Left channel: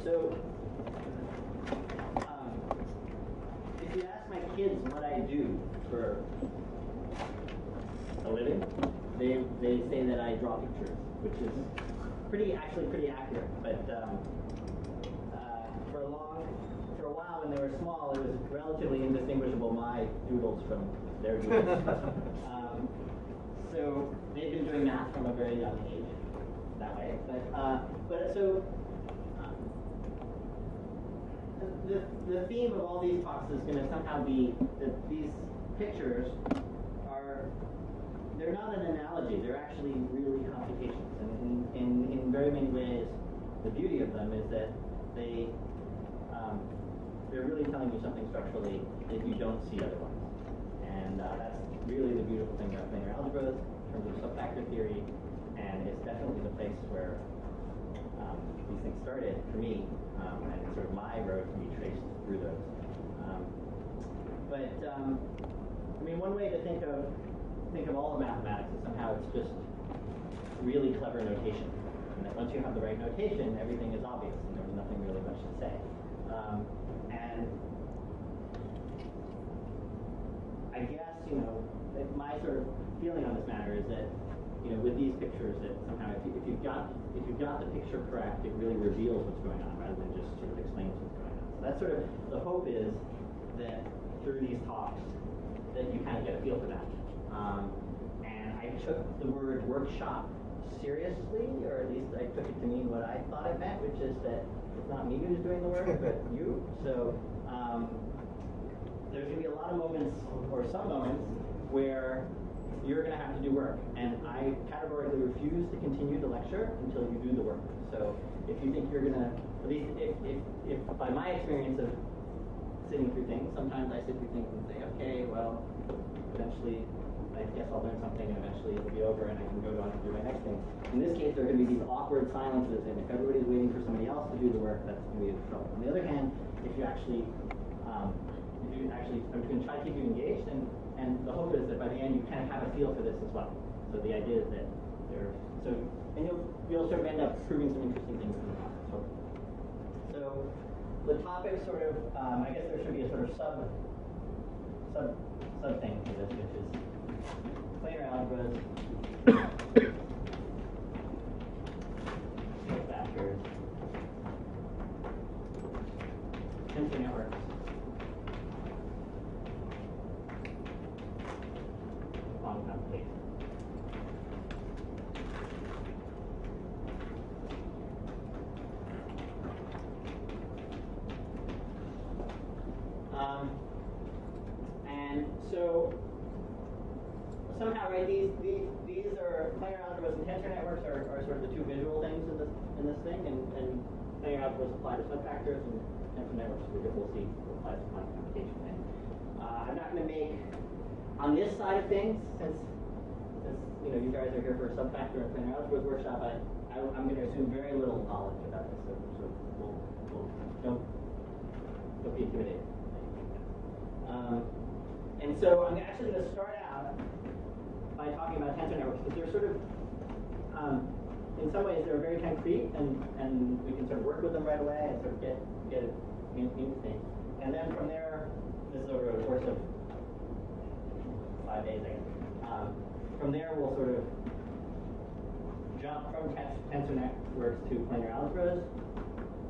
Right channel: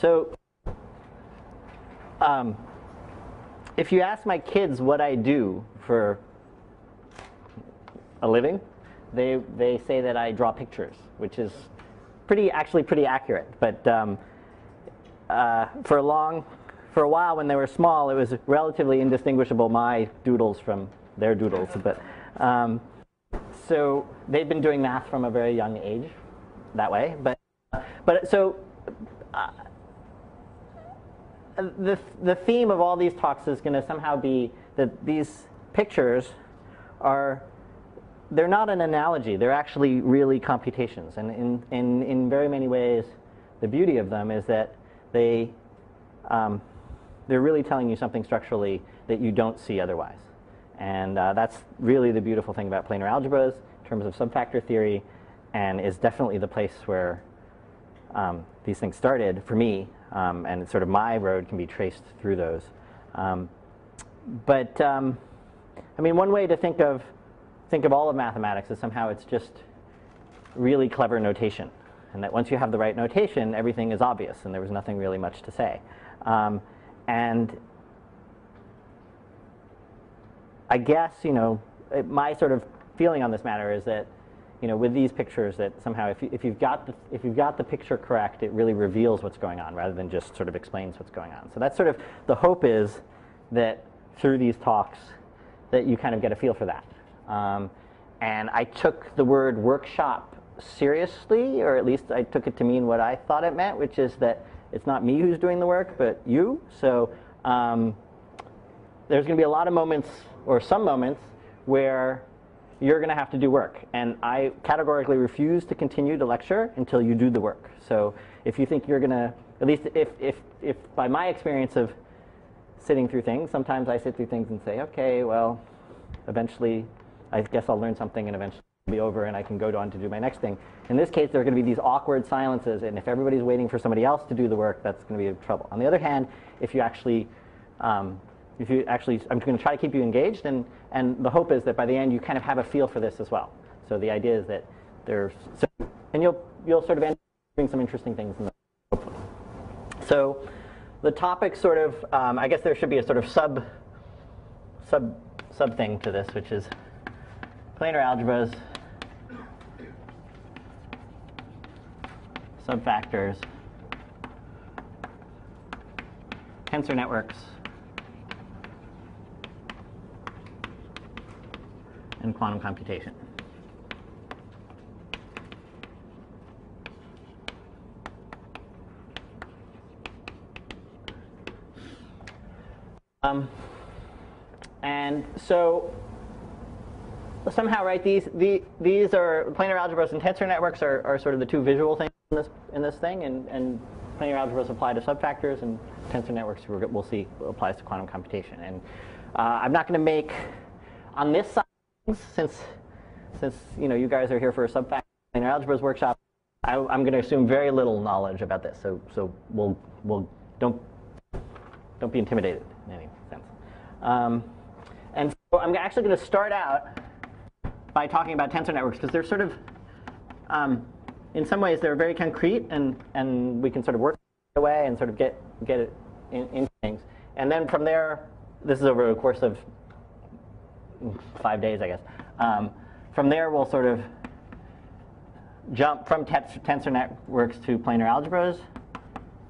So if you ask my kids what I do for a living, they say that I draw pictures, which is actually pretty accurate. But for a while when they were small, it was relatively indistinguishable, my doodles from their doodles. But so they've been doing math from a very young age that way. But the theme of all these talks is going to somehow be that these pictures they're not an analogy. They're actually really computations. And in very many ways, the beauty of them is that they're really telling you something structurally that you don't see otherwise. And that's really the beautiful thing about planar algebras in terms of subfactor theory, and is definitely the place where these things started for me, and sort of my road can be traced through those. I mean, one way to think of all of mathematics is somehow it's just really clever notation, and that once you have the right notation, everything is obvious, and there was nothing really much to say. And I guess, my sort of feeling on this matter is that, with these pictures, that somehow if you've got the picture correct, it really reveals what's going on rather than just sort of explains what's going on. So that's sort of the hope, is that through these talks that you kind of get a feel for that. And I took the word workshop seriously, or at least I took it to mean what I thought it meant, which is that it's not me who's doing the work, but you. So there's going to be a lot of moments, or some moments, where you're going to have to do work. And I categorically refuse to continue to lecture until you do the work. So if you think you're going to, at least if by my experience of sitting through things, sometimes I sit through things and say, okay, well, eventually I guess I'll learn something, and eventually it'll be over and I can go on to do my next thing. In this case, there are going to be these awkward silences, and if everybody's waiting for somebody else to do the work, that's going to be in trouble. On the other hand, if you actually, I'm going to try to keep you engaged, and the hope is that by the end you kind of have a feel for this as well. So the idea is that and you'll sort of end up proving some interesting things in the hopefully. So the topic sort of, I guess there should be a sort of sub thing to this, which is planar algebras, subfactors, tensor networks, and quantum computation. And so somehow, right, these are planar algebras and tensor networks are sort of the two visual things in this thing, and planar algebras apply to subfactors, and tensor networks we'll see applies to quantum computation. And I'm not going to make, on this side of things, since you guys are here for a subfactor planar algebras workshop, I'm going to assume very little knowledge about this. So we'll don't be intimidated in any sense. And so I'm actually going to start out by talking about tensor networks, because they're sort of, in some ways, they're very concrete, and we can sort of work with them right away and sort of get it in things. And then from there, this is over a course of 5 days, I guess. From there, we'll sort of jump from tensor networks to planar algebras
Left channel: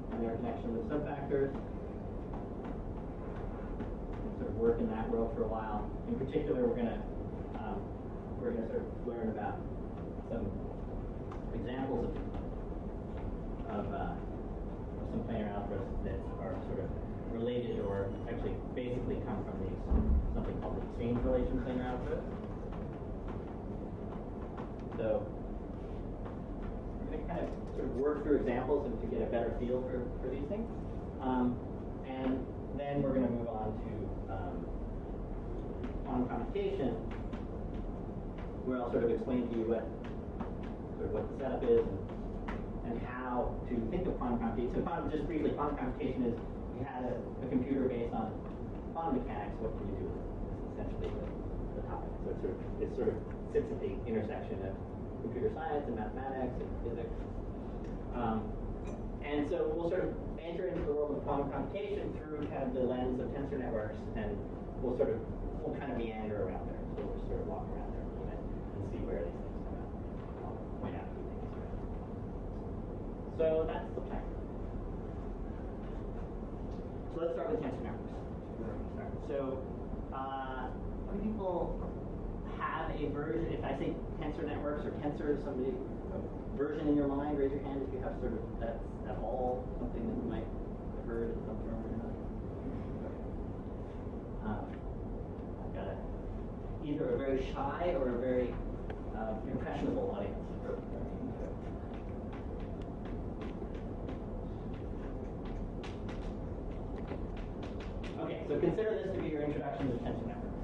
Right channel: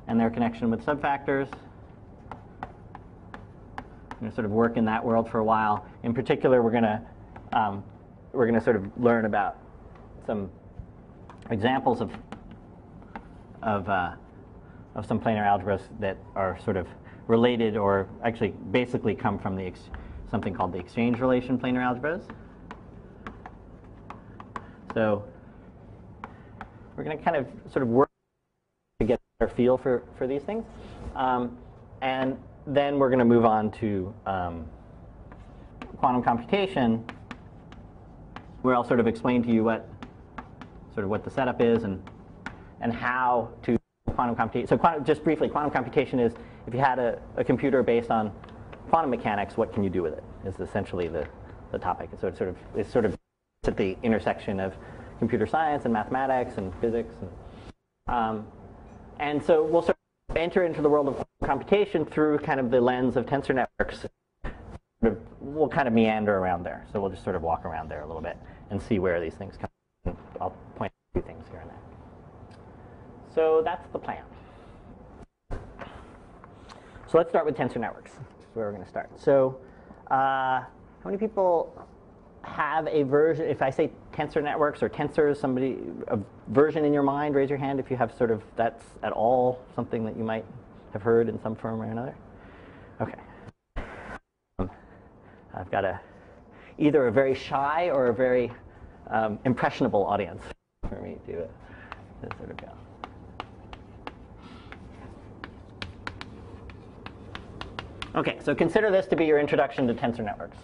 and their connection with subfactors. We're going to sort of work in that world for a while. In particular, we're going to sort of learn about some examples of some planar algebras that are sort of related, or actually basically come from something called the exchange relation planar algebras. So we're going to kind of sort of work through examples to get a better feel for these things. And then we're going to move on to quantum computation, where I'll sort of explain to you what the setup is and how to think of quantum computation. So just briefly, quantum computation is, if you had a computer based on quantum mechanics, what can you do with it? Is essentially the topic. So it sort of sits at the intersection of computer science and mathematics and physics, and so we'll sort of enter into the world of computation through kind of the lens of tensor networks, and we'll kind of meander around there. So we'll just sort of walk around there a little bit and see where these things come out. I'll point out a few things here and there. So that's the plan. So let's start with tensor networks, where we're going to start. So how many people have a version, if I say tensor networks or tensors, somebody, a version in your mind, raise your hand if you have sort of, that's at all something that you might have heard in some form or another? Okay. I've got either a very shy or a very impressionable audience for me to sort of go. Okay, so consider this to be your introduction to tensor networks.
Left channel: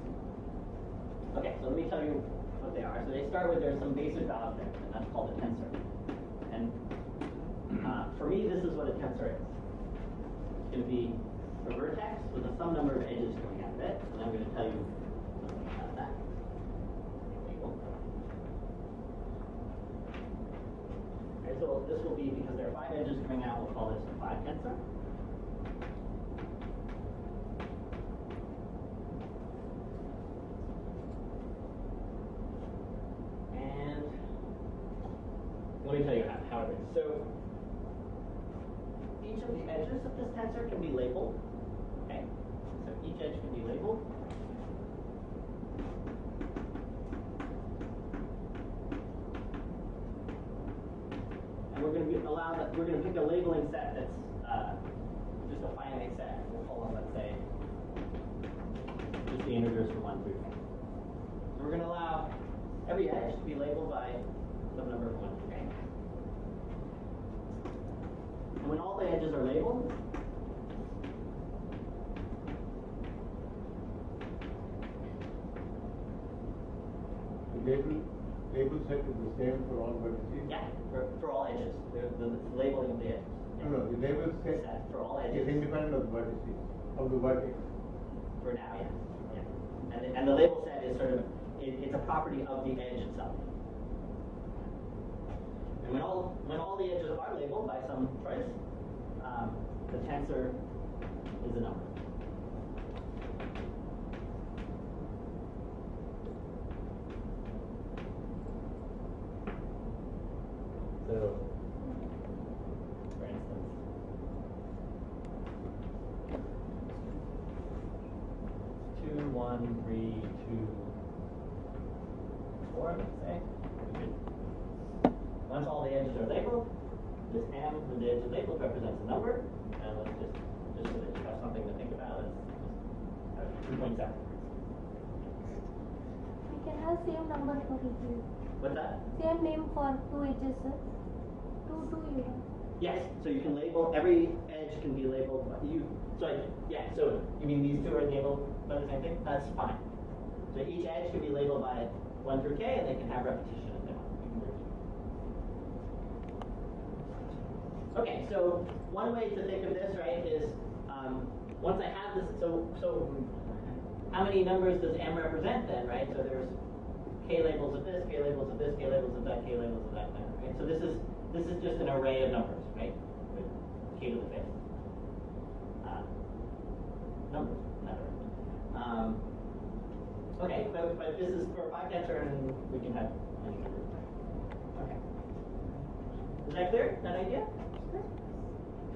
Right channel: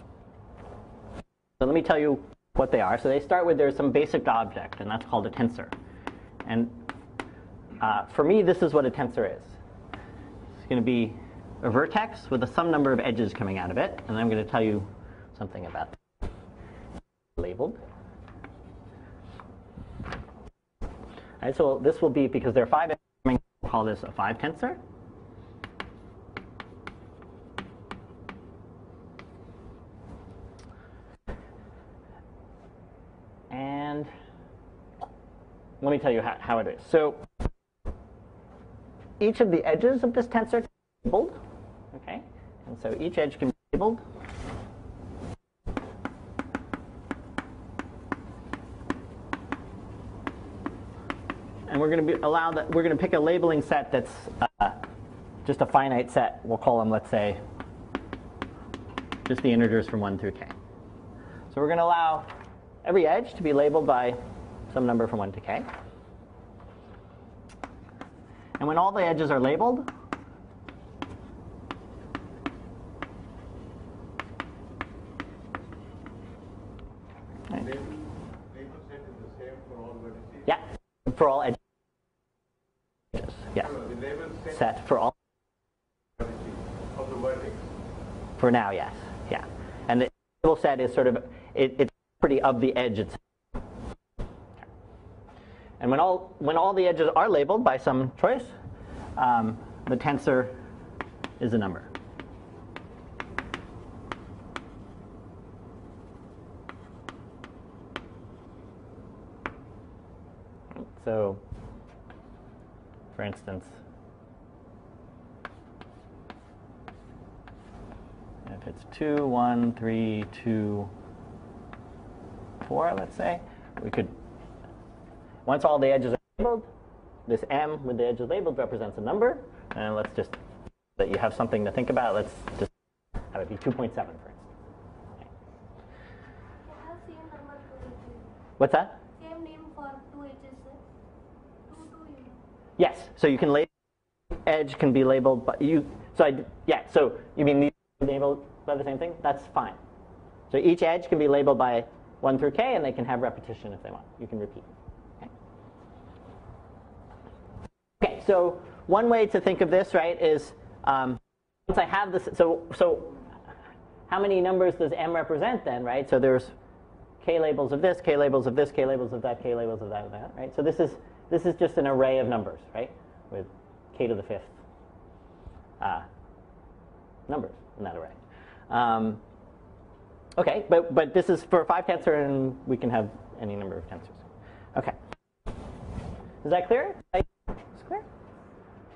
Okay, so let me tell you what they are. So they start with there's some basic object, and that's called a tensor. And for me, this is what a tensor is. It's going to be a vertex with some number of edges coming out of it, and I'm going to tell you something about that. Labeled. All right, so this will be, because there are 5 edges coming out, we'll call this a 5 tensor. And let me tell you how it is. So each of the edges of this tensor can be labeled. Okay, and so each edge can be labeled. And we're going to we're going to pick a labeling set that's just a finite set. We'll call them, let's say, just the integers from 1 through k. So we're going to allow every edge to be labeled by some number from 1 to k. And when all the edges are labeled, Label set is the same for all vertices? Yeah, for all edges. The labeling of the edges. Yeah. No, the label set for all edges is independent of the vertices, of the vertex. For now, yes. Yeah. And the label set is sort of, it's a property of the edge itself. And when all the edges are labeled by some choice, the tensor is a number. So, for instance, if it's 2, 1, 3, 2, 4, let's say, we could, once all the edges are labeled, this m with the edges labeled represents a number, and let's just so that you have something to think about, let's just have it be 2.7, for instance. You can have same number for each. What's that? Same name for 2 edges, sir. 2, you know. Yes, so you can label, every edge can be labeled by you. So so you mean these two are labeled by the same thing? That's fine. So each edge can be labeled by 1 through k, and they can have repetition if they want. You can repeat. Okay, so one way to think of this, right, is once I have this, so how many numbers does m represent then, right? So there's k labels of this, k labels of this, k labels of that, k labels of that, right? So this is just an array of numbers, right, with k to the 5th numbers in that array. Okay, but this is for a 5 tensor, and we can have any number of tensors. Okay. Is that clear? That idea? It's clear?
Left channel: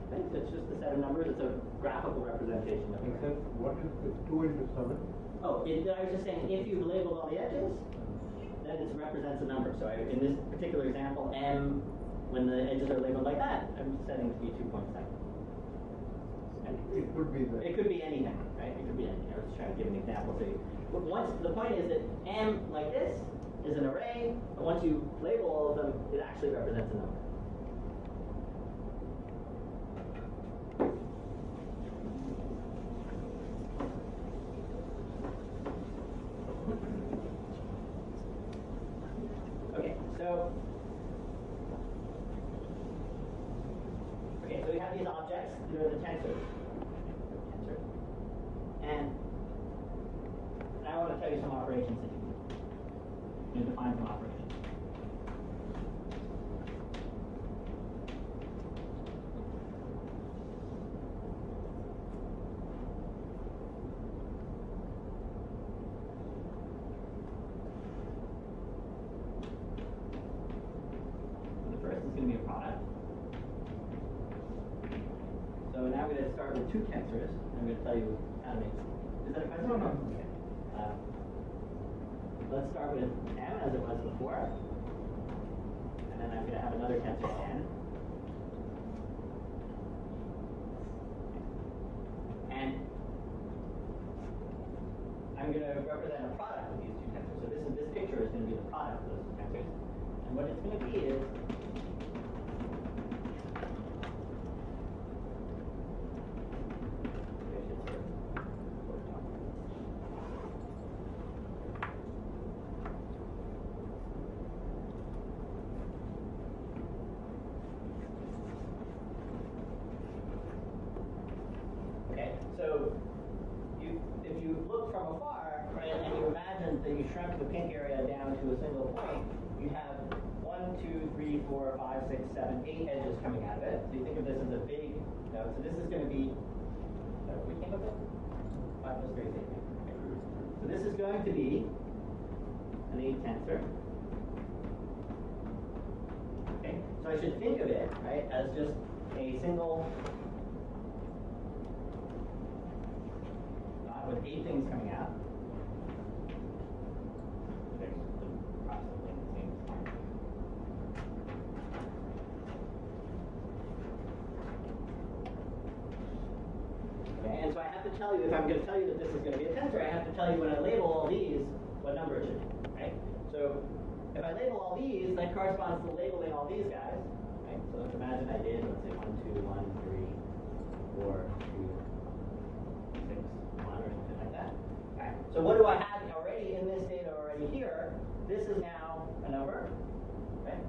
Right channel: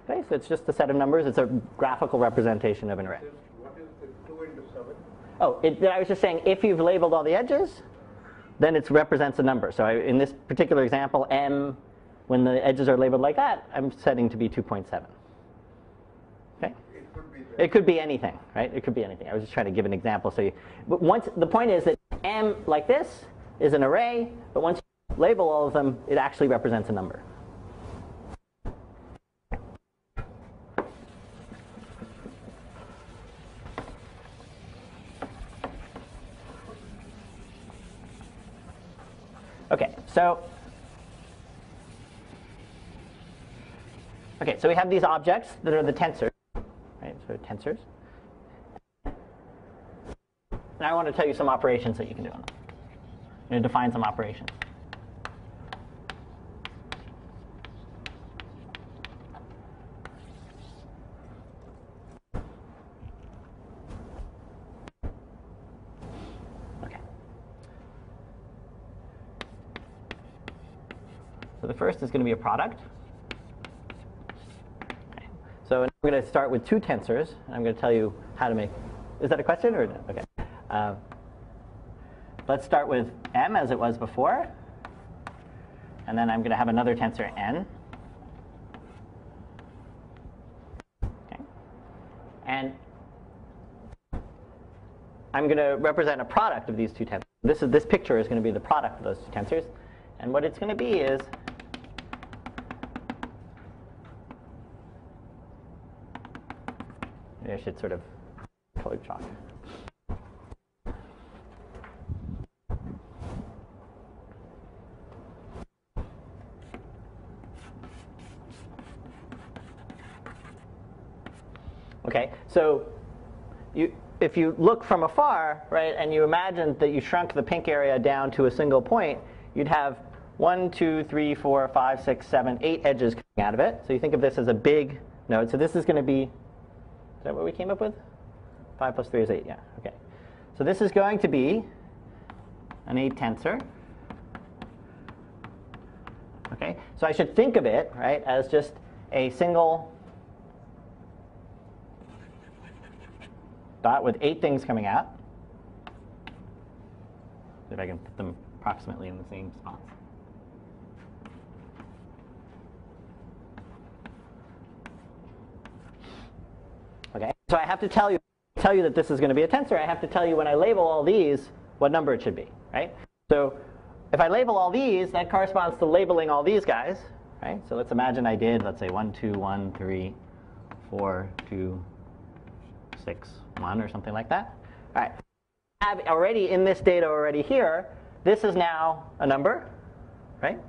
Okay, so it's just a set of numbers. It's a graphical representation of an array. What is 2 into 7? Oh, I was just saying, if you've labeled all the edges, then it represents a number. So in this particular example, m, when the edges are labeled like that, I'm setting to be 2.7. Okay? It could be It could be anything, right? It could be anything. I was just trying to give an example. But the point is that m, like this, is an array, but once you label all of them, it actually represents a number. Okay, so we have these objects that are the tensors, right? So tensors, and now I want to tell you some operations that you can do on them. I'm going to define some operations. first is going to be a product. Okay. So now I'm going to start with two tensors. I'm going to tell you how to make. Is that a question or okay? Let's start with m as it was before, and then I'm going to have another tensor n. Okay. And I'm going to represent a product of these two tensors. This picture is going to be the product of those two tensors. And what it's going to be is maybe I should sort of color chalk. Okay, so if you look from afar, right, and you imagine that you shrunk the pink area down to a single point, you'd have 1, 2, 3, 4, 5, 6, 7, 8 edges coming out of it. So you think of this as a big node. So this is going to be, is that what we came up with? 5 plus 3 is 8, yeah. Okay. So this is going to be an 8 tensor. Okay. So I should think of it, right, as just a single dot with 8 things coming out. See if I can put them approximately in the same spot. Okay, and so I have to tell you, if I'm going to tell you that this is going to be a tensor, I have to tell you when I label all these what number it should be, right? So if I label all these, that corresponds to labeling all these guys, right? So let's imagine I did, let's say 1, 2, 1, 3, 4, 2, 6, 1 or something like that. All right, so what do I have already in this data already here? This is now a number, right?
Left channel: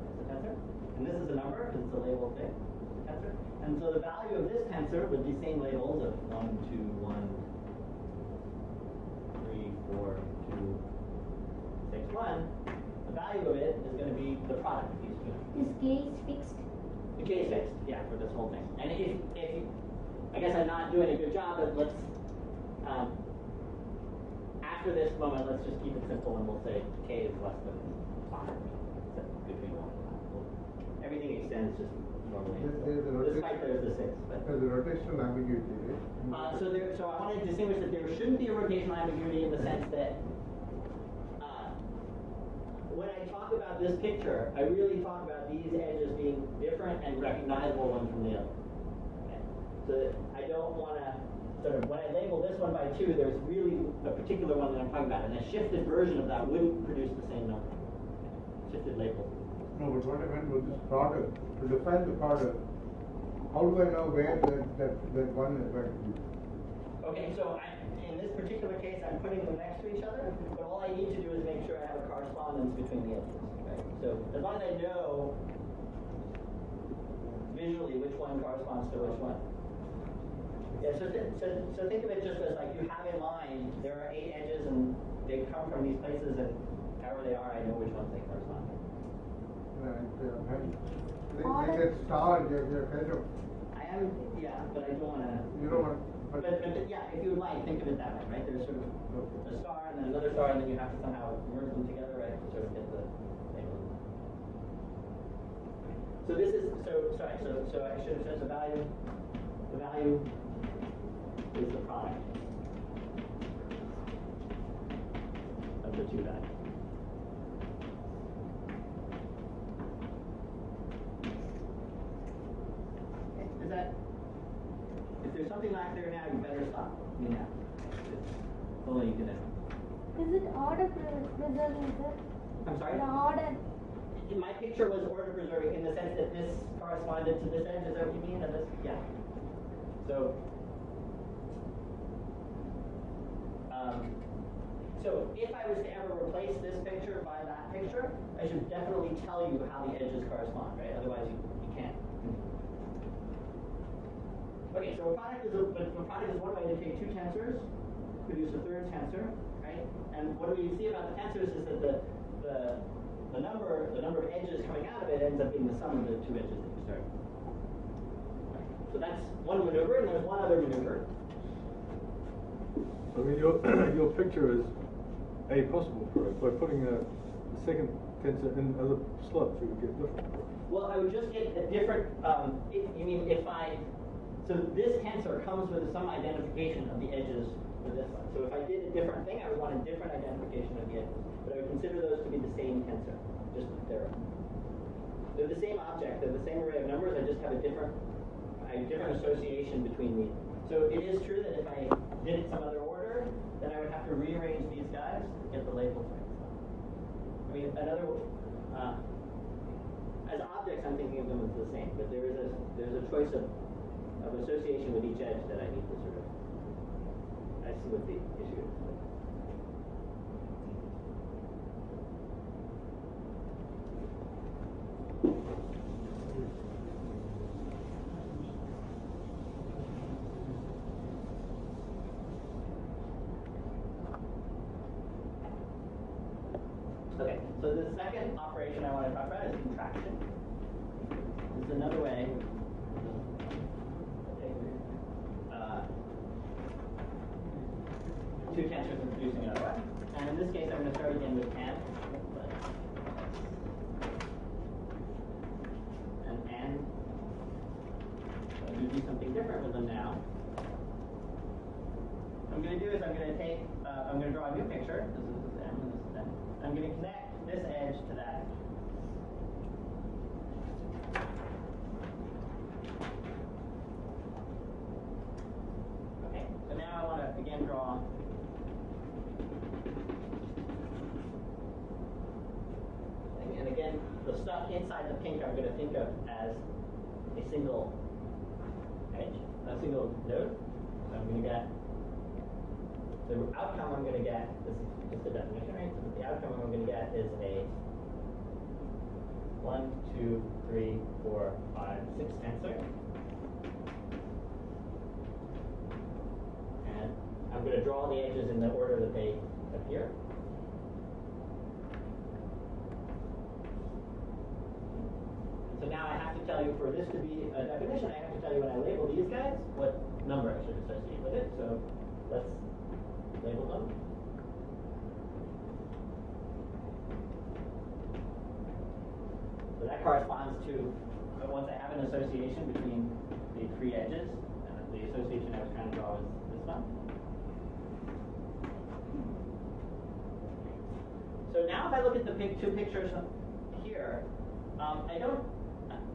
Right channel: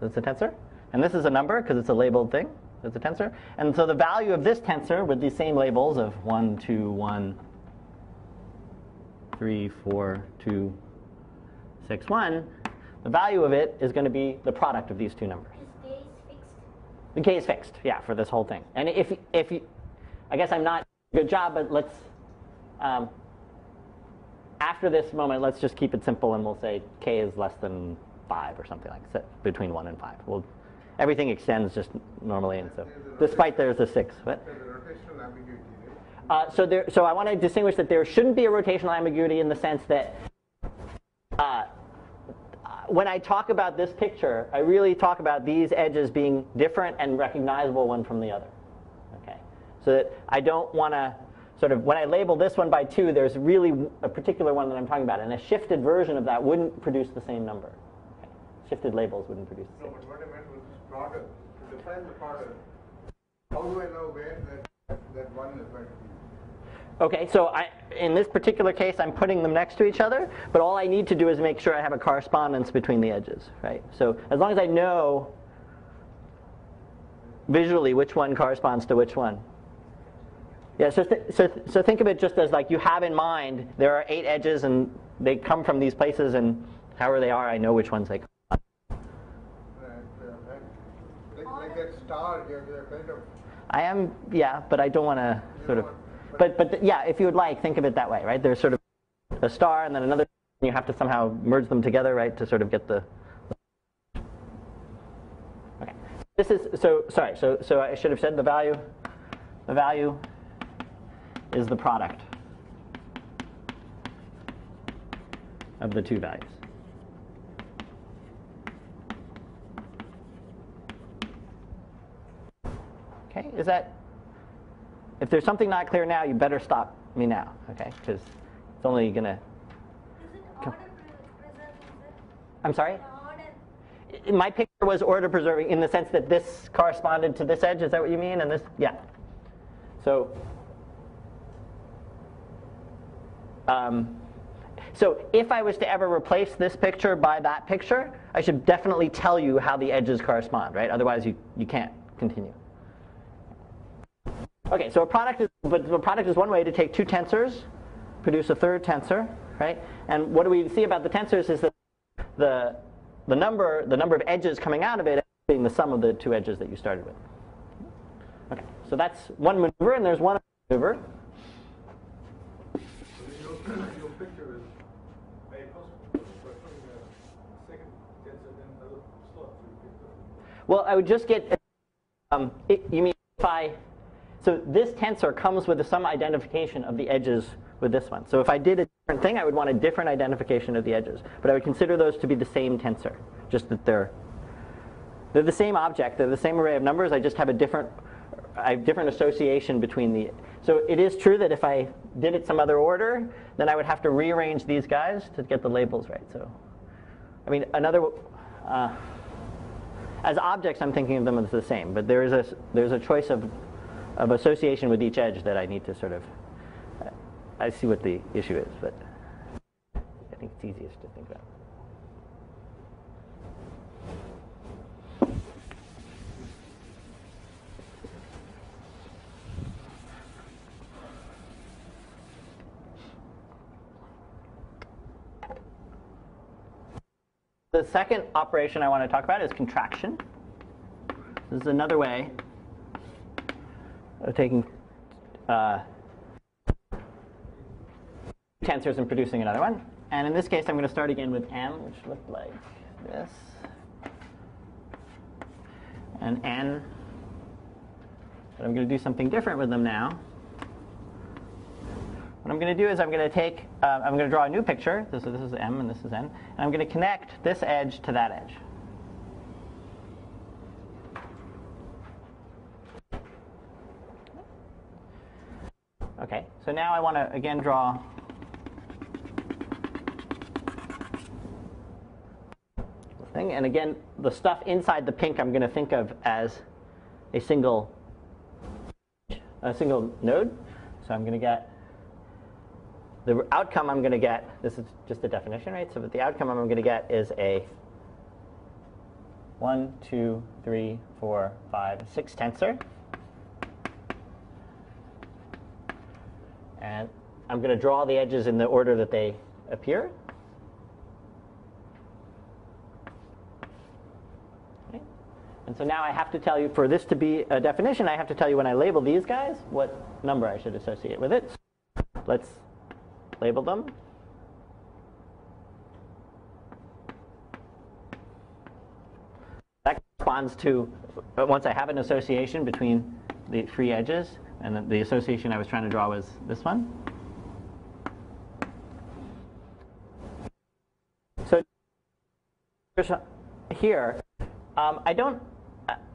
That's a tensor. And this is a number because it's a labeled thing. That's a tensor. And so the value of this tensor with these same labels of 1, 2, 1, 3, 4, 2, 6, 1, the value of it is going to be the product of these two numbers. Is k is fixed? The k is fixed, yeah, for this whole thing. And if you, I guess I'm not doing a good job, but let's, after this moment, let's just keep it simple and we'll say k is less than 5 or something like that, between 1 and 5. Everything extends just normally, and so despite there's a 6. But there's a rotational ambiguity, right? so I want to distinguish that there shouldn't be a rotational ambiguity in the sense that when I talk about this picture, I really talk about these edges being different and recognizable one from the other. Okay, so that I don't want to sort of, when I label this one by 2, there's really a particular one that I'm talking about, and a shifted version of that wouldn't produce the same number. Okay. Shifted labels wouldn't produce the same. No, but what I meant was this product. To define the product, how do I know where that one is going to be? Okay, so in this particular case, I'm putting them next to each other, but all I need to do is make sure I have a correspondence between the edges, right? So as long as I know visually which one corresponds to which one. Yeah, so think of it just as like you have in mind, there are 8 edges and they come from these places, and however they are, I know which ones they correspond. They get starred, they're kind of... I am, yeah, but I don't want to sort of... But yeah, if you would like, think of it that way, right? There's sort of a star and then another star, and then you have to somehow merge them together, right, to sort of get the... Okay. So this is, sorry, so I should have said the value is the product of the two values. Okay, is that... If there's something not clear now, you better stop me now, okay? Because it's only going to... Is it order preserving, sir? I'm sorry? The order. My picture was order preserving in the sense that this corresponded to this edge. Is that what you mean? And this, yeah. So if I was to ever replace this picture by that picture, I should definitely tell you how the edges correspond, right? Otherwise, you can't continue. Okay, so a product is one way to take two tensors, produce a third tensor, right? And what do we see about the tensors is that the number of edges coming out of it ends up being the sum of the two edges that you started with. Okay, so that's one maneuver, and there's one other maneuver. So your picture is A possible for it by putting a second tensor in as a slope, so you get different. Well, I would just get a different, you mean if so this tensor comes with some identification of the edges with this one. So if I did a different thing, I would want a different identification of the edges. But I would consider those to be the same tensor, just that they're the same object, they're the same array of numbers, I just have a different association between the. So it is true that if I did it some other order, then I would have to rearrange these guys to get the labels right. So, I mean, as objects, I'm thinking of them as the same, but there's a choice of association with each edge that I need to sort of. I see what the issue is, but I think it's easiest to think about. Okay, so the second operation I want to talk about is contraction. This is another way of taking two tensors and producing another one. And in this case, I'm going to start again with m, which looks like this. And n. But I'm going to do something different with them now. What I'm going to do is I'm going to draw a new picture. This is m and this is n. And I'm going to connect this edge to that edge. Okay, so now I want to again draw thing. And again, the stuff inside the pink I'm going to think of as a single edge, a single node. So I'm going to get the outcome I'm going to get. This is just a definition, right? So but the outcome I'm going to get is a 1, 2, 3, 4, 5, 6 tensor. And I'm going to draw the edges in the order that they appear. Okay. And so now I have to tell you, for this to be a definition, I have to tell you when I label these guys, what number I should associate with it. So let's label them. That corresponds to, once I have an association between the three edges, and the association I was trying to draw was this one. So now if I look at the two pictures here,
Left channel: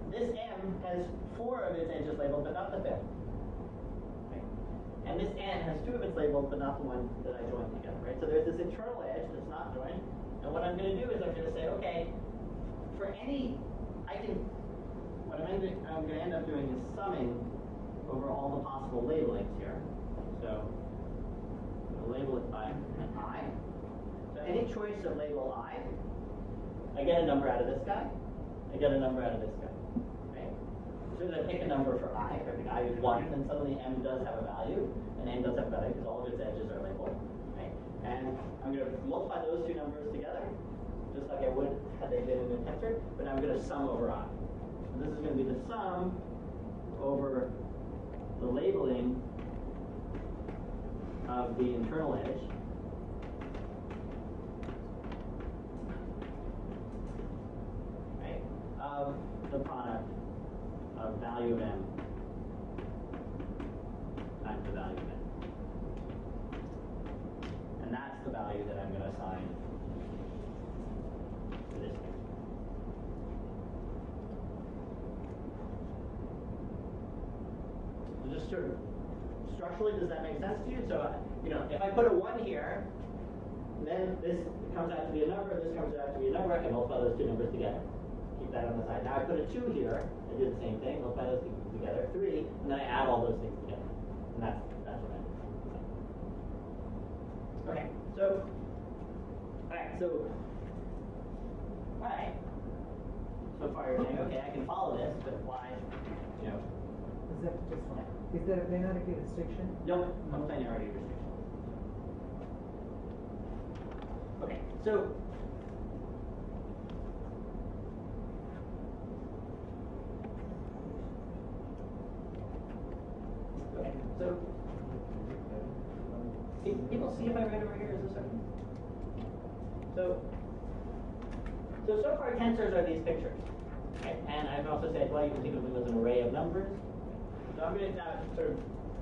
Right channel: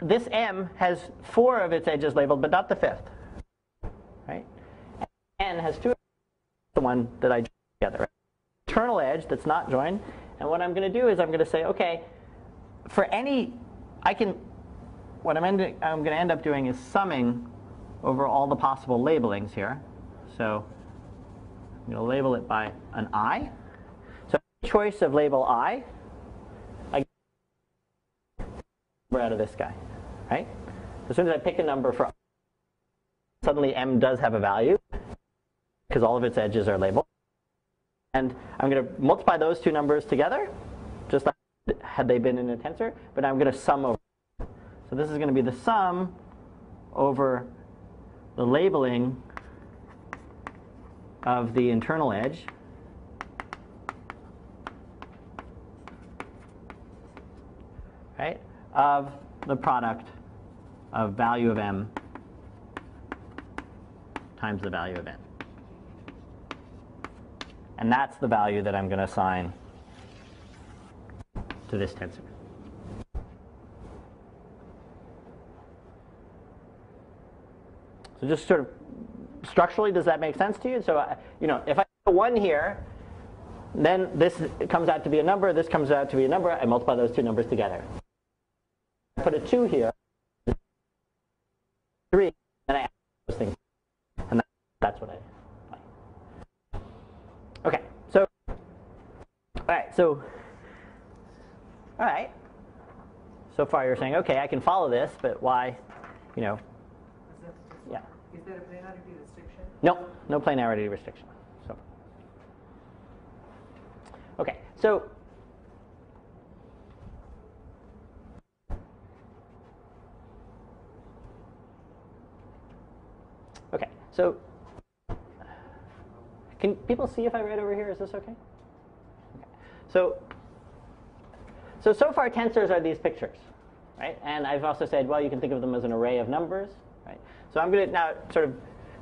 this M has 4 of its edges labeled, but not the 5th. Right? And this N has 2 of its labeled, but not the one that I joined together. Right? So there's this internal edge that's not joined. And what I'm going to do is I'm going to say, okay, for any, what I'm going to end up doing is summing over all the possible labelings here. So I'm going to label it by an I. So any choice of label I get a number out of this guy. I get a number out of this guy. Right? As soon as I pick a number for I, if I pick I is 1, then suddenly M does have a value, and N does have a value, because all of its edges are labeled. Right? And I'm going to multiply those two numbers together, just like I would had they been in a tensor, but I'm going to sum over I. So this is going to be the sum over the labeling of the internal edge right, of the product of value of m times the value of n. And that's the value that I'm going to assign to this tensor. So just sort of structurally, does that make sense to you? So, if I put a 1 here, then this comes out to be a number, this comes out to be a number, I multiply those two numbers together. Keep that on the side. Now I put a 2 here, I do the same thing, multiply those two together. 3, and then I add all those things together. And that's what I do. Okay, so, all right. So far you're saying, okay, I can follow this, but why, Yeah. Is there a planarity restriction? No planarity restriction. So, okay, so can people see if I write over here? Is this okay? So so far tensors are these pictures, right? And I've also said, well, you can think of them as an array of numbers, right? So I'm going to now sort of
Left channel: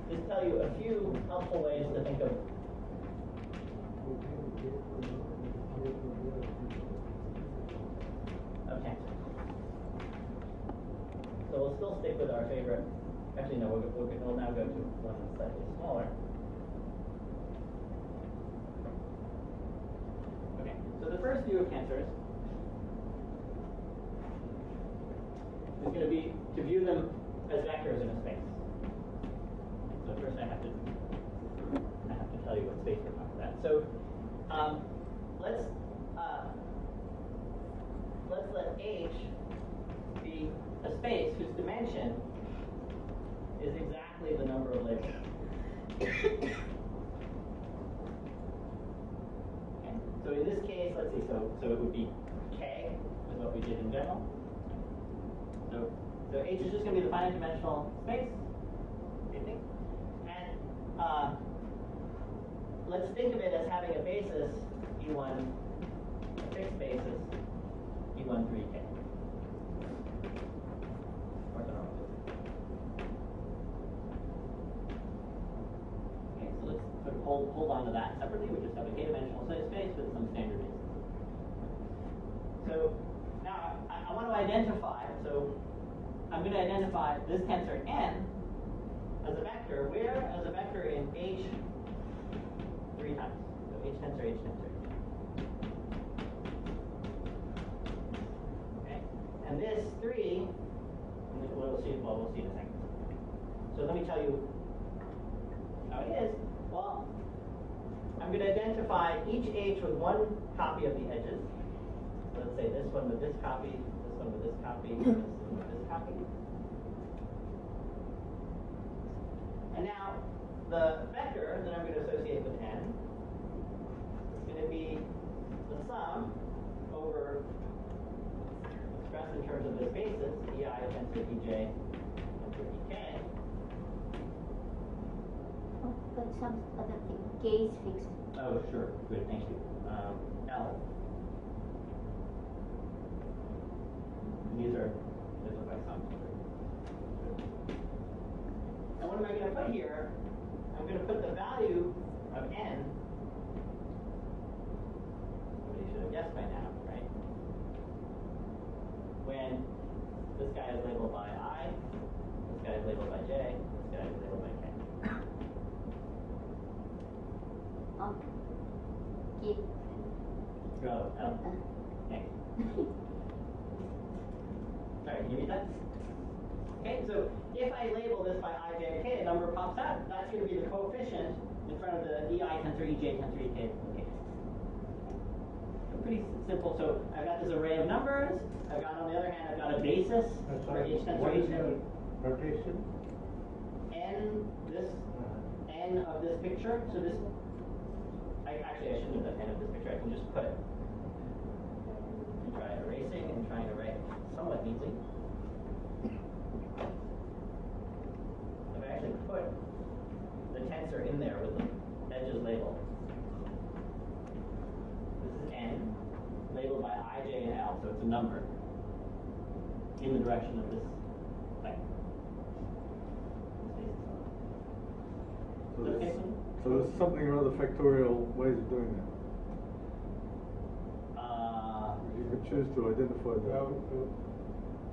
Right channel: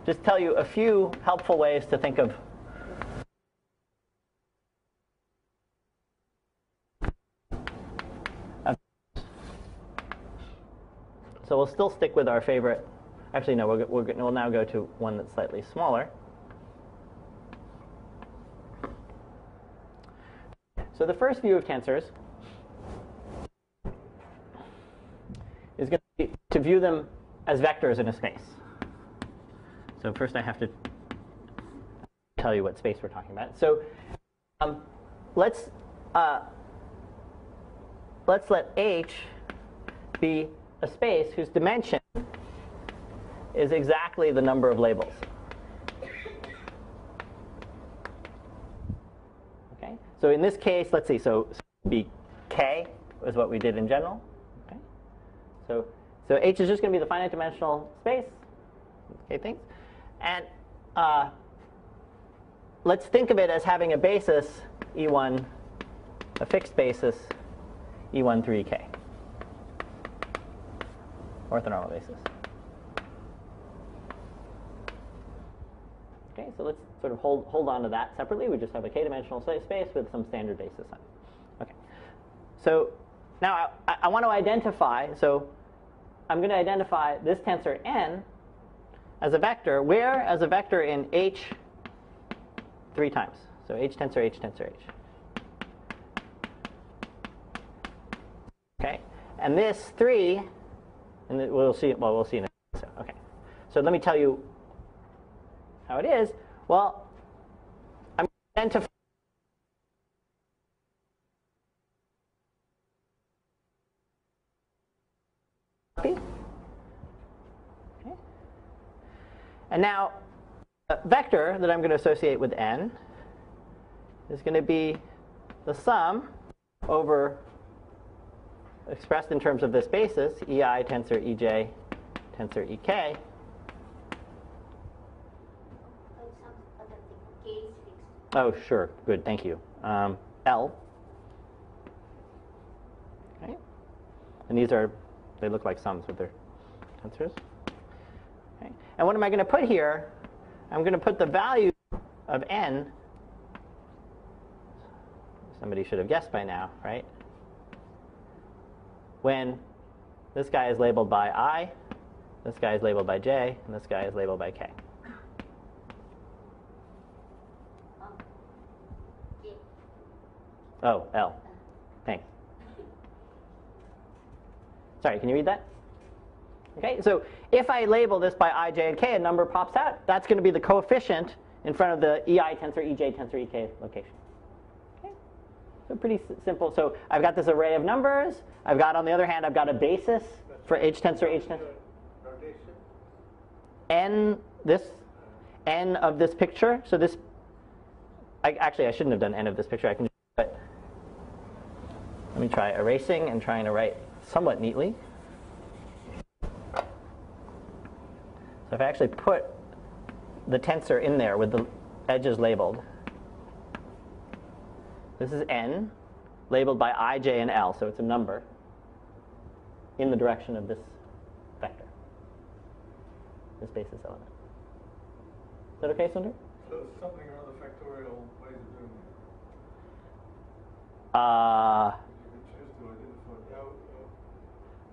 just tell you a few helpful ways to think of. Okay. So we'll still stick with our favorite. Actually, no, we'll now go to one that's slightly smaller. Okay. So the first view of tensors is going to be to view them as vectors in a space. So first I have to tell you what space we're talking about. So let's let H be a space whose dimension is exactly the number of labels. Okay. So in this case, let's see. So it would be K is what we did in general. Okay. So H is just going to be the finite dimensional space. Okay, things. And let's think of it as having a basis E1, a fixed basis E1 through EK. Orthonormal basis. Okay, so let's sort of hold on to that separately. We just have a k-dimensional space with some standard basis on it. Okay. So now I want to identify, so I'm going to identify this tensor n as a vector, where as a vector in H 3 times. So H tensor H tensor H. Okay, and this 3, and we'll see in a second. So okay, so let me tell you how it is. Well, I'm going to identify each H with one copy of the edges. So let's say this one with this copy, this one with this copy, this one with this copy. Okay. And now the vector that I'm going to associate with n is going to be the sum over, expressed in terms of this basis, EI tensor EJ tensor EK. But some other thing, K is fixed. Oh, sure. Good. Thank you. L. Okay. And these are, they look like sums with their tensors. Okay. And what am I going to put here? I'm going to put the value of n. Somebody should have guessed by now, right? When this guy is labeled by I, this guy is labeled by J, and this guy is labeled by K. K. Oh, L. Thanks. Sorry, can you read that? Okay, so if I label this by I, J, and K, a number pops out. That's going to be the coefficient in front of the EI tensor, EJ tensor, EK location. Okay, so pretty simple. So I've got this array of numbers. I've got, on the other hand, I've got a basis for H tensor, H tensor. Notation? N of this picture. So this, actually I shouldn't have done N of this picture. I can just put, let me try erasing and trying to write somewhat neatly. So if I actually put the tensor in there with the edges labeled, this is n, labeled by I, J, and L, so it's a number in the direction of this vector, this basis element. Is that okay, Sundar? So there's something or other factorial ways of doing that. You could choose to identify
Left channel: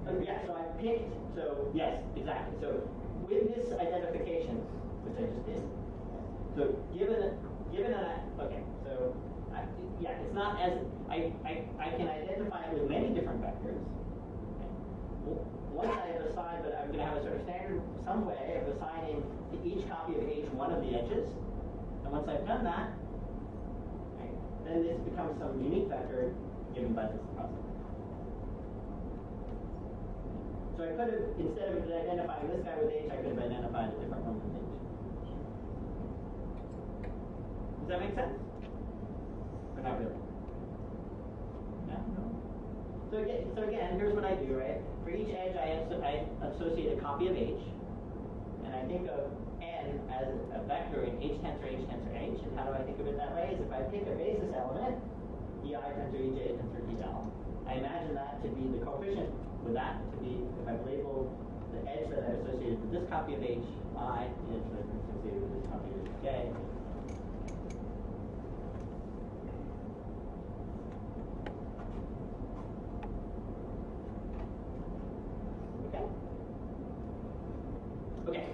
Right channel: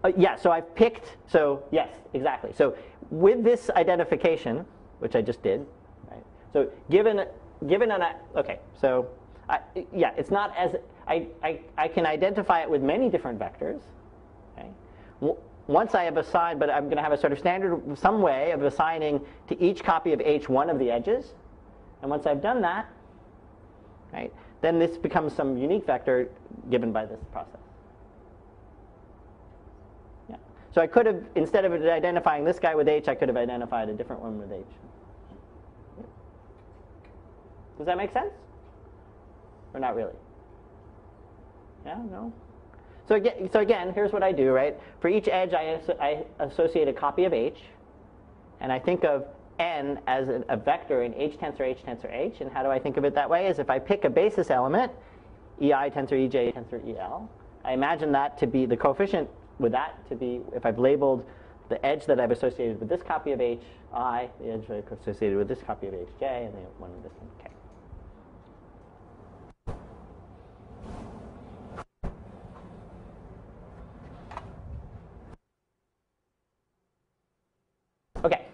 that. Yeah, so I've picked, so yes, exactly. So with this identification, which I just did, right? So given an, okay, so yeah, it's not as, I can identify it with many different vectors. Okay? Once I have assigned, but I'm going to have a sort of standard, some way of assigning to each copy of H one of the edges. And once I've done that, right, then this becomes some unique vector given by this process. Yeah. So I could have, instead of identifying this guy with H, I could have identified a different one with H. Does that make sense? Or not really? Yeah, no? So again, here's what I do, right? For each edge, I associate a copy of H, and I think of n as a vector in H tensor, H tensor, H. And how do I think of it that way? Is if I pick a basis element, EI tensor, EJ tensor, EL, I imagine that to be the coefficient with that to be, if I've labeled the edge that I've associated with this copy of H, I, the edge that I've associated with this copy of H, J, and then one of this, K. Okay.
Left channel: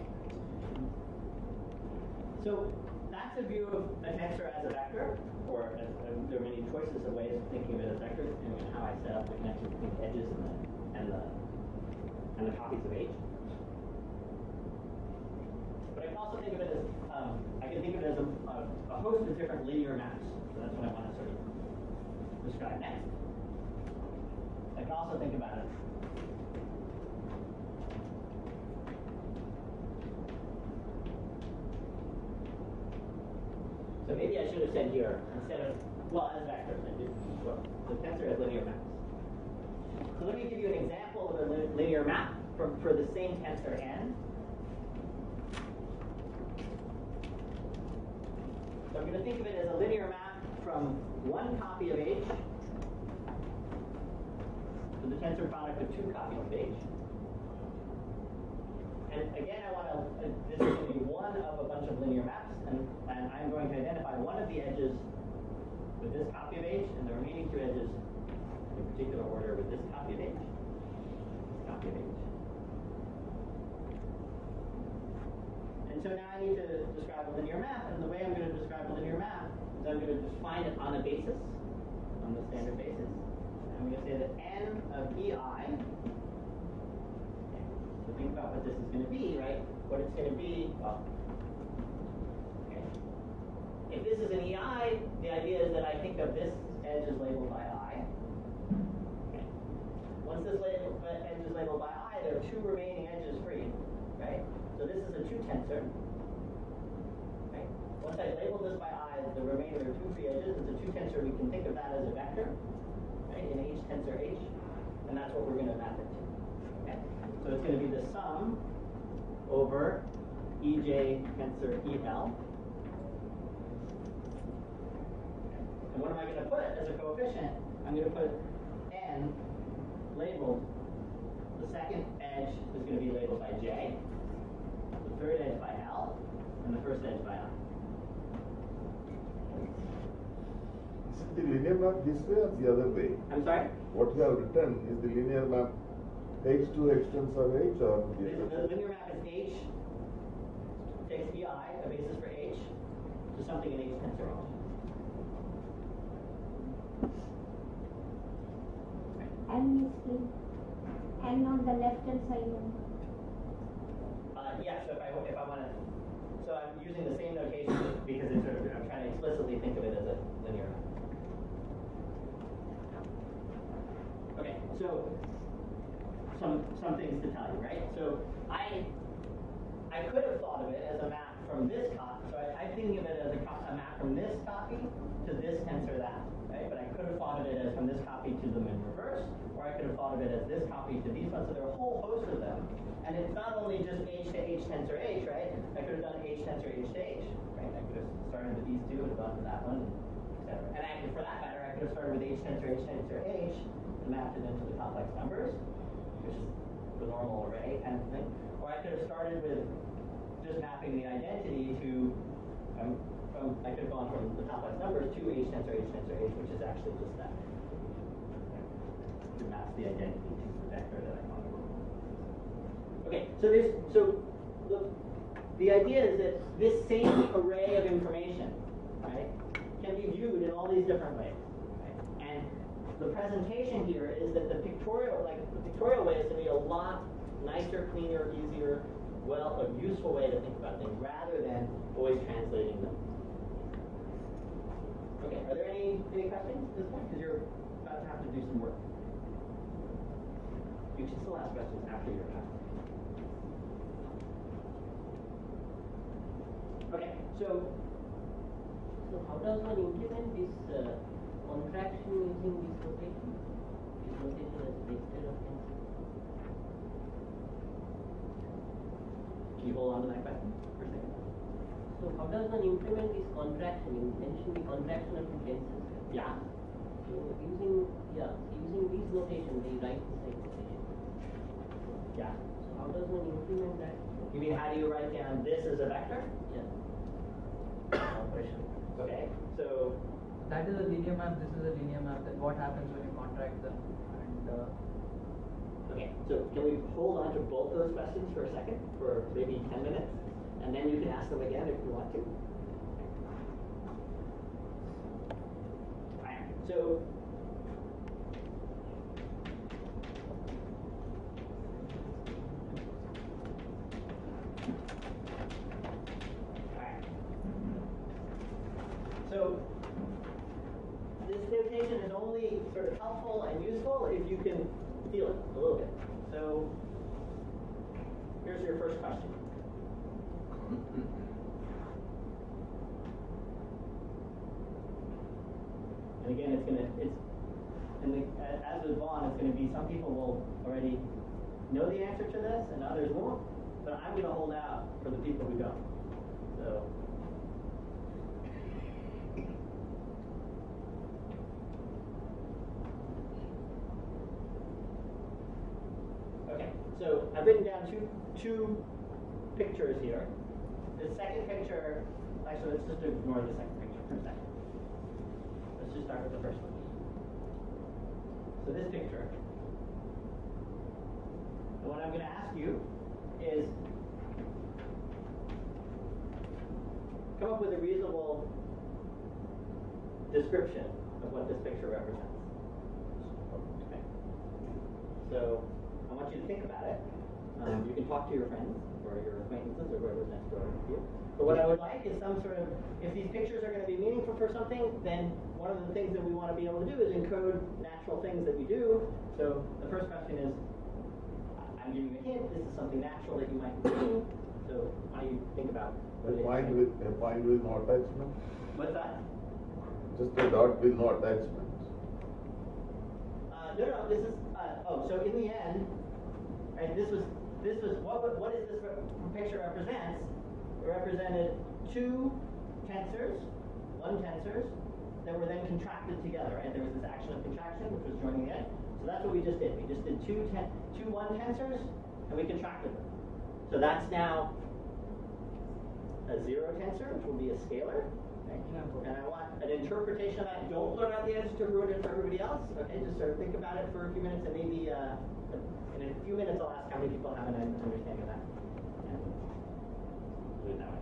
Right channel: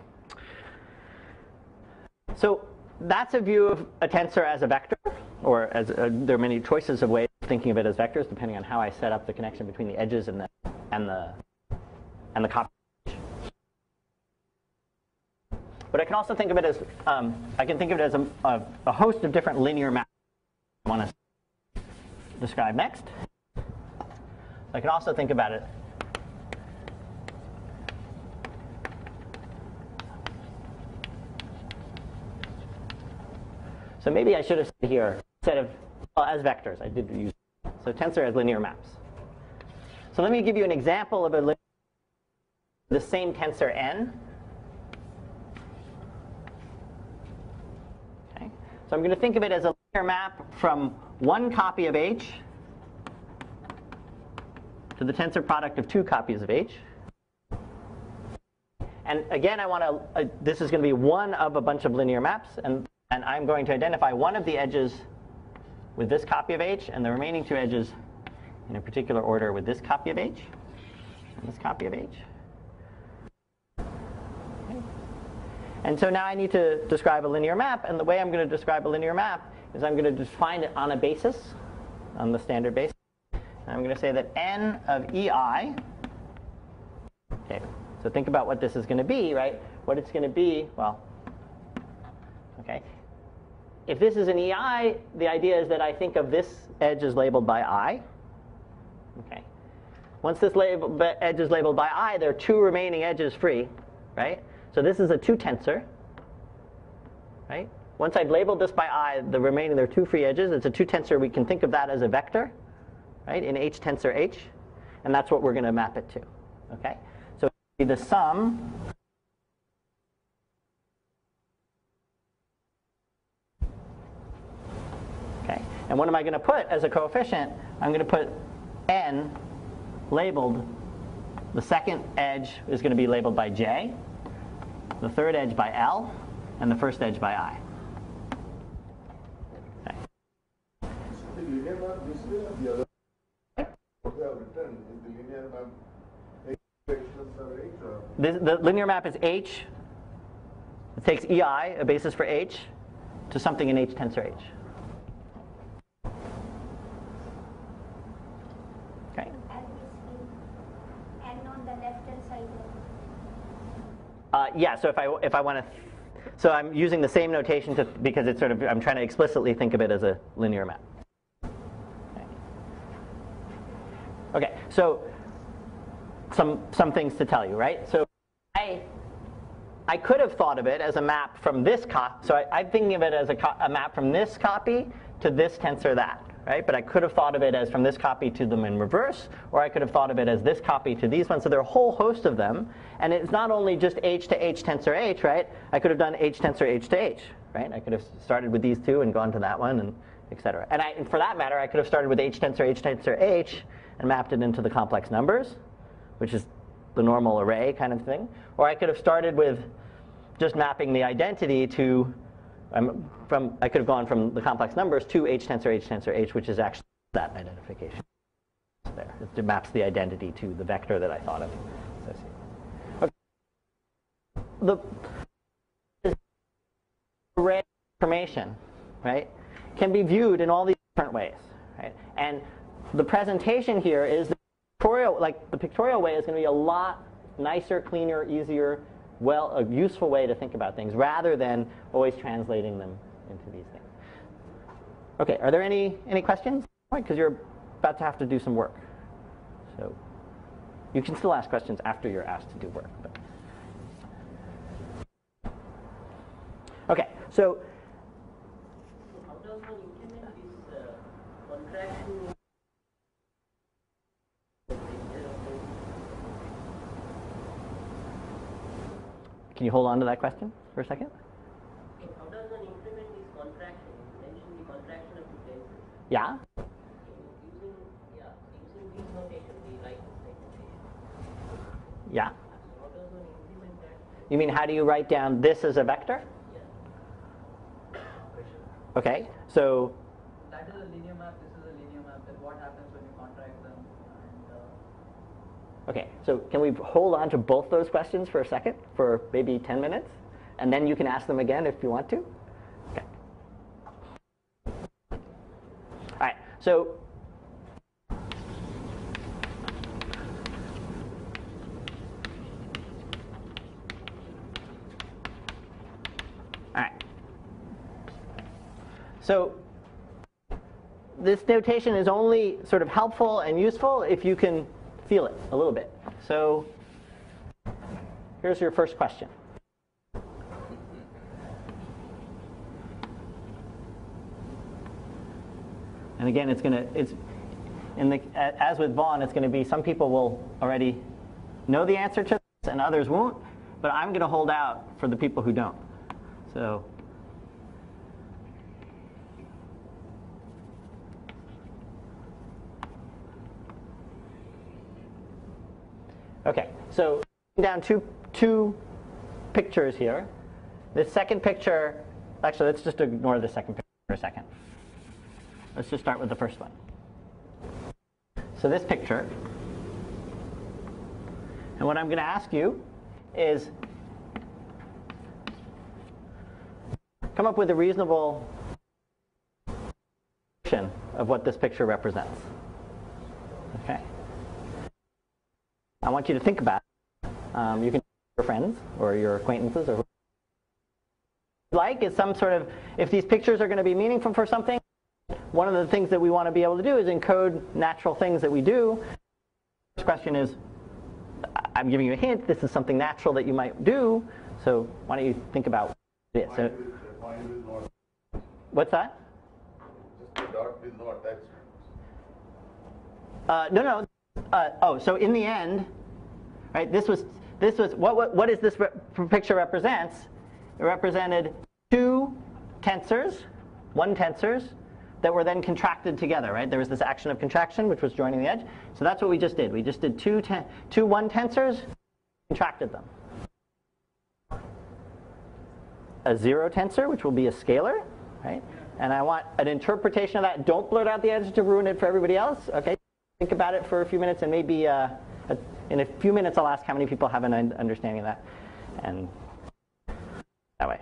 So that's a view of a tensor as a vector, or as there are many choices of ways of thinking of it as vectors, depending on how I set up the connection between the edges and the copies of H. But I can also think of it as a host of different linear maps. So that's what I want to describe next. I can also think about it so maybe I should have said here, instead of, well, as vectors, I did use both. So tensor as linear maps. So let me give you an example of a linear map for the same tensor n. Okay. So I'm going to think of it as a linear map from one copy of H to the tensor product of two copies of H. And again, I want to, this is going to be one of a bunch of linear maps, and I'm going to identify one of the edges with this copy of H, and the remaining two edges in a particular order with this copy of H, and this copy of H. Okay. And so now I need to describe a linear map, and the way I'm going to describe a linear map is I'm going to define it on a basis, on the standard basis. And I'm going to say that n of EI, okay, so think about what this is going to be, right? What it's going to be, well, okay. If this is an EI, the idea is that I think of this edge as labeled by I. Okay. Once this edge is labeled by I, there are two remaining edges free, right? So this is a 2 tensor, right? Once I've labeled this by I, there are 2 free edges. It's a 2 tensor. We can think of that as a vector, right, in H tensor H, and that's what we're going to map it to, okay? So it's going to be the sum over EJ tensor EL. Okay. And what am I going to put as a coefficient? I'm going to put n labeled. The second edge is going to be labeled by J, the third edge by L, and the first edge by I. Okay. The linear map this way or the other way? I'm sorry? What you have written is the linear map H to H tensor H, or? The linear map is H. It takes EI, a basis for H, to something in H tensor H. Okay. And on the left hand side. Yeah. So if I want to, so I'm using the same notation because it's sort of, I'm trying to explicitly think of it as a linear map. Okay. So some things to tell you, right? So I could have thought of it as a map from this copy. So I'm thinking of it as a map from this copy to this tensor that, right? But I could have thought of it as from this copy to them in reverse, or I could have thought of it as this copy to these ones. So there are a whole host of them. And it's not only just H to H tensor H, right? I could have done H tensor H to H, right? I could have started with these two and gone to that one, and et cetera. And for that matter, I could have started with H tensor H and mapped it into the complex numbers, which is the normal array kind of thing. Or I could have started with just mapping the identity to, I could have gone from the complex numbers to H tensor H, which is actually that identification. It's there. It maps the identity to the vector that I thought of. Okay, so the idea is that this same array of information, right, can be viewed in all these different ways, right? And the presentation here is that the pictorial way is going to be a lot nicer, cleaner, easier, a useful way to think about things rather than always translating them into these things. Okay, are there any questions at this point? Because you're about to have to do some work. So you can still ask questions after you're asked to do work. But. Okay, so how does one implement this contraction using this notation? This notation is instead of can you hold on to that question for a second? so how does one implement this contraction? You mentioned the contraction of the tensors. Yeah. So using using these notation, the right side notation. Yeah. So how does one implement that? You mean how do you write down this as a vector? Yeah. Operation. Okay. So That is a linear map, this is a linear map, then what happens when you contract them? And okay. So can we hold on to both those questions for a second, for maybe 10 minutes, and then you can ask them again if you want to. Okay. All right. So So this notation is only sort of helpful and useful if you can feel it a little bit. So here's your first question. And again, as with Vaughn, it's going to be some people will already know the answer to this and others won't, but I'm going to hold out for the people who don't. So okay, so I've written down two pictures here. This second picture, actually, let's just ignore the second picture for a second. Let's just start with the first one. So this picture, and what I'm going to ask you is come up with a reasonable description of what this picture represents. Okay? So I want you to think about it. You can talk to your friends or your acquaintances or whoever's next door to you. But what I would like is some sort of, if these pictures are going to be meaningful for something, then one of the things that we want to be able to do is encode natural things that we do. So the first question is, I'm giving you a hint, this is something natural that you might do, so why don't you think about what it is. Point with no attachment? What's that? Just a dot with no attachment. No, this is, so in the end, right, this was what is this picture represents? It represented two tensors, one tensors, that were then contracted together, right? There was this action of contraction, which was joining the edge. So that's what we just did. We just did two one tensors, and we contracted them. So that's now a zero tensor, which will be a scalar, right? And I want an interpretation of that. Don't blurt out the edge to ruin it for everybody else, okay? Just sort of think about it for a few minutes, and maybe in a few minutes I'll ask how many people have an understanding of that, and do it that way.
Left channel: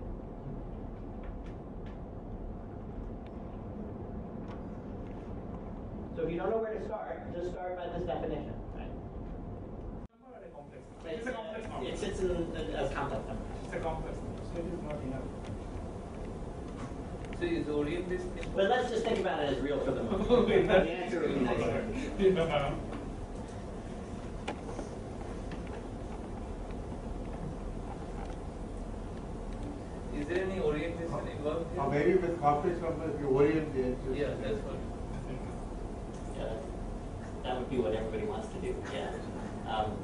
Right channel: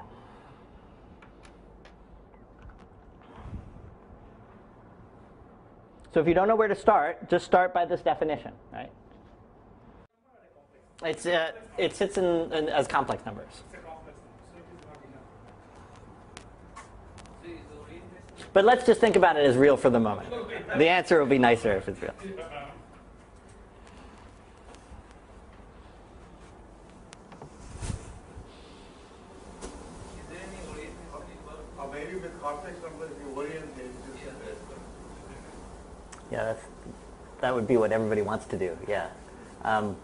So if you don't know where to start, just start by this definition, right? It sits in as complex numbers. It's a complex number, so it is not enough. So is orient this thing? But let's just think about it as real for the moment. The answer will be nicer if it's real. Is there any orientation involved here? Maybe with complex numbers, you orient it. Yeah, that's what. Yeah, that would be what everybody wants to do. Yeah, I'm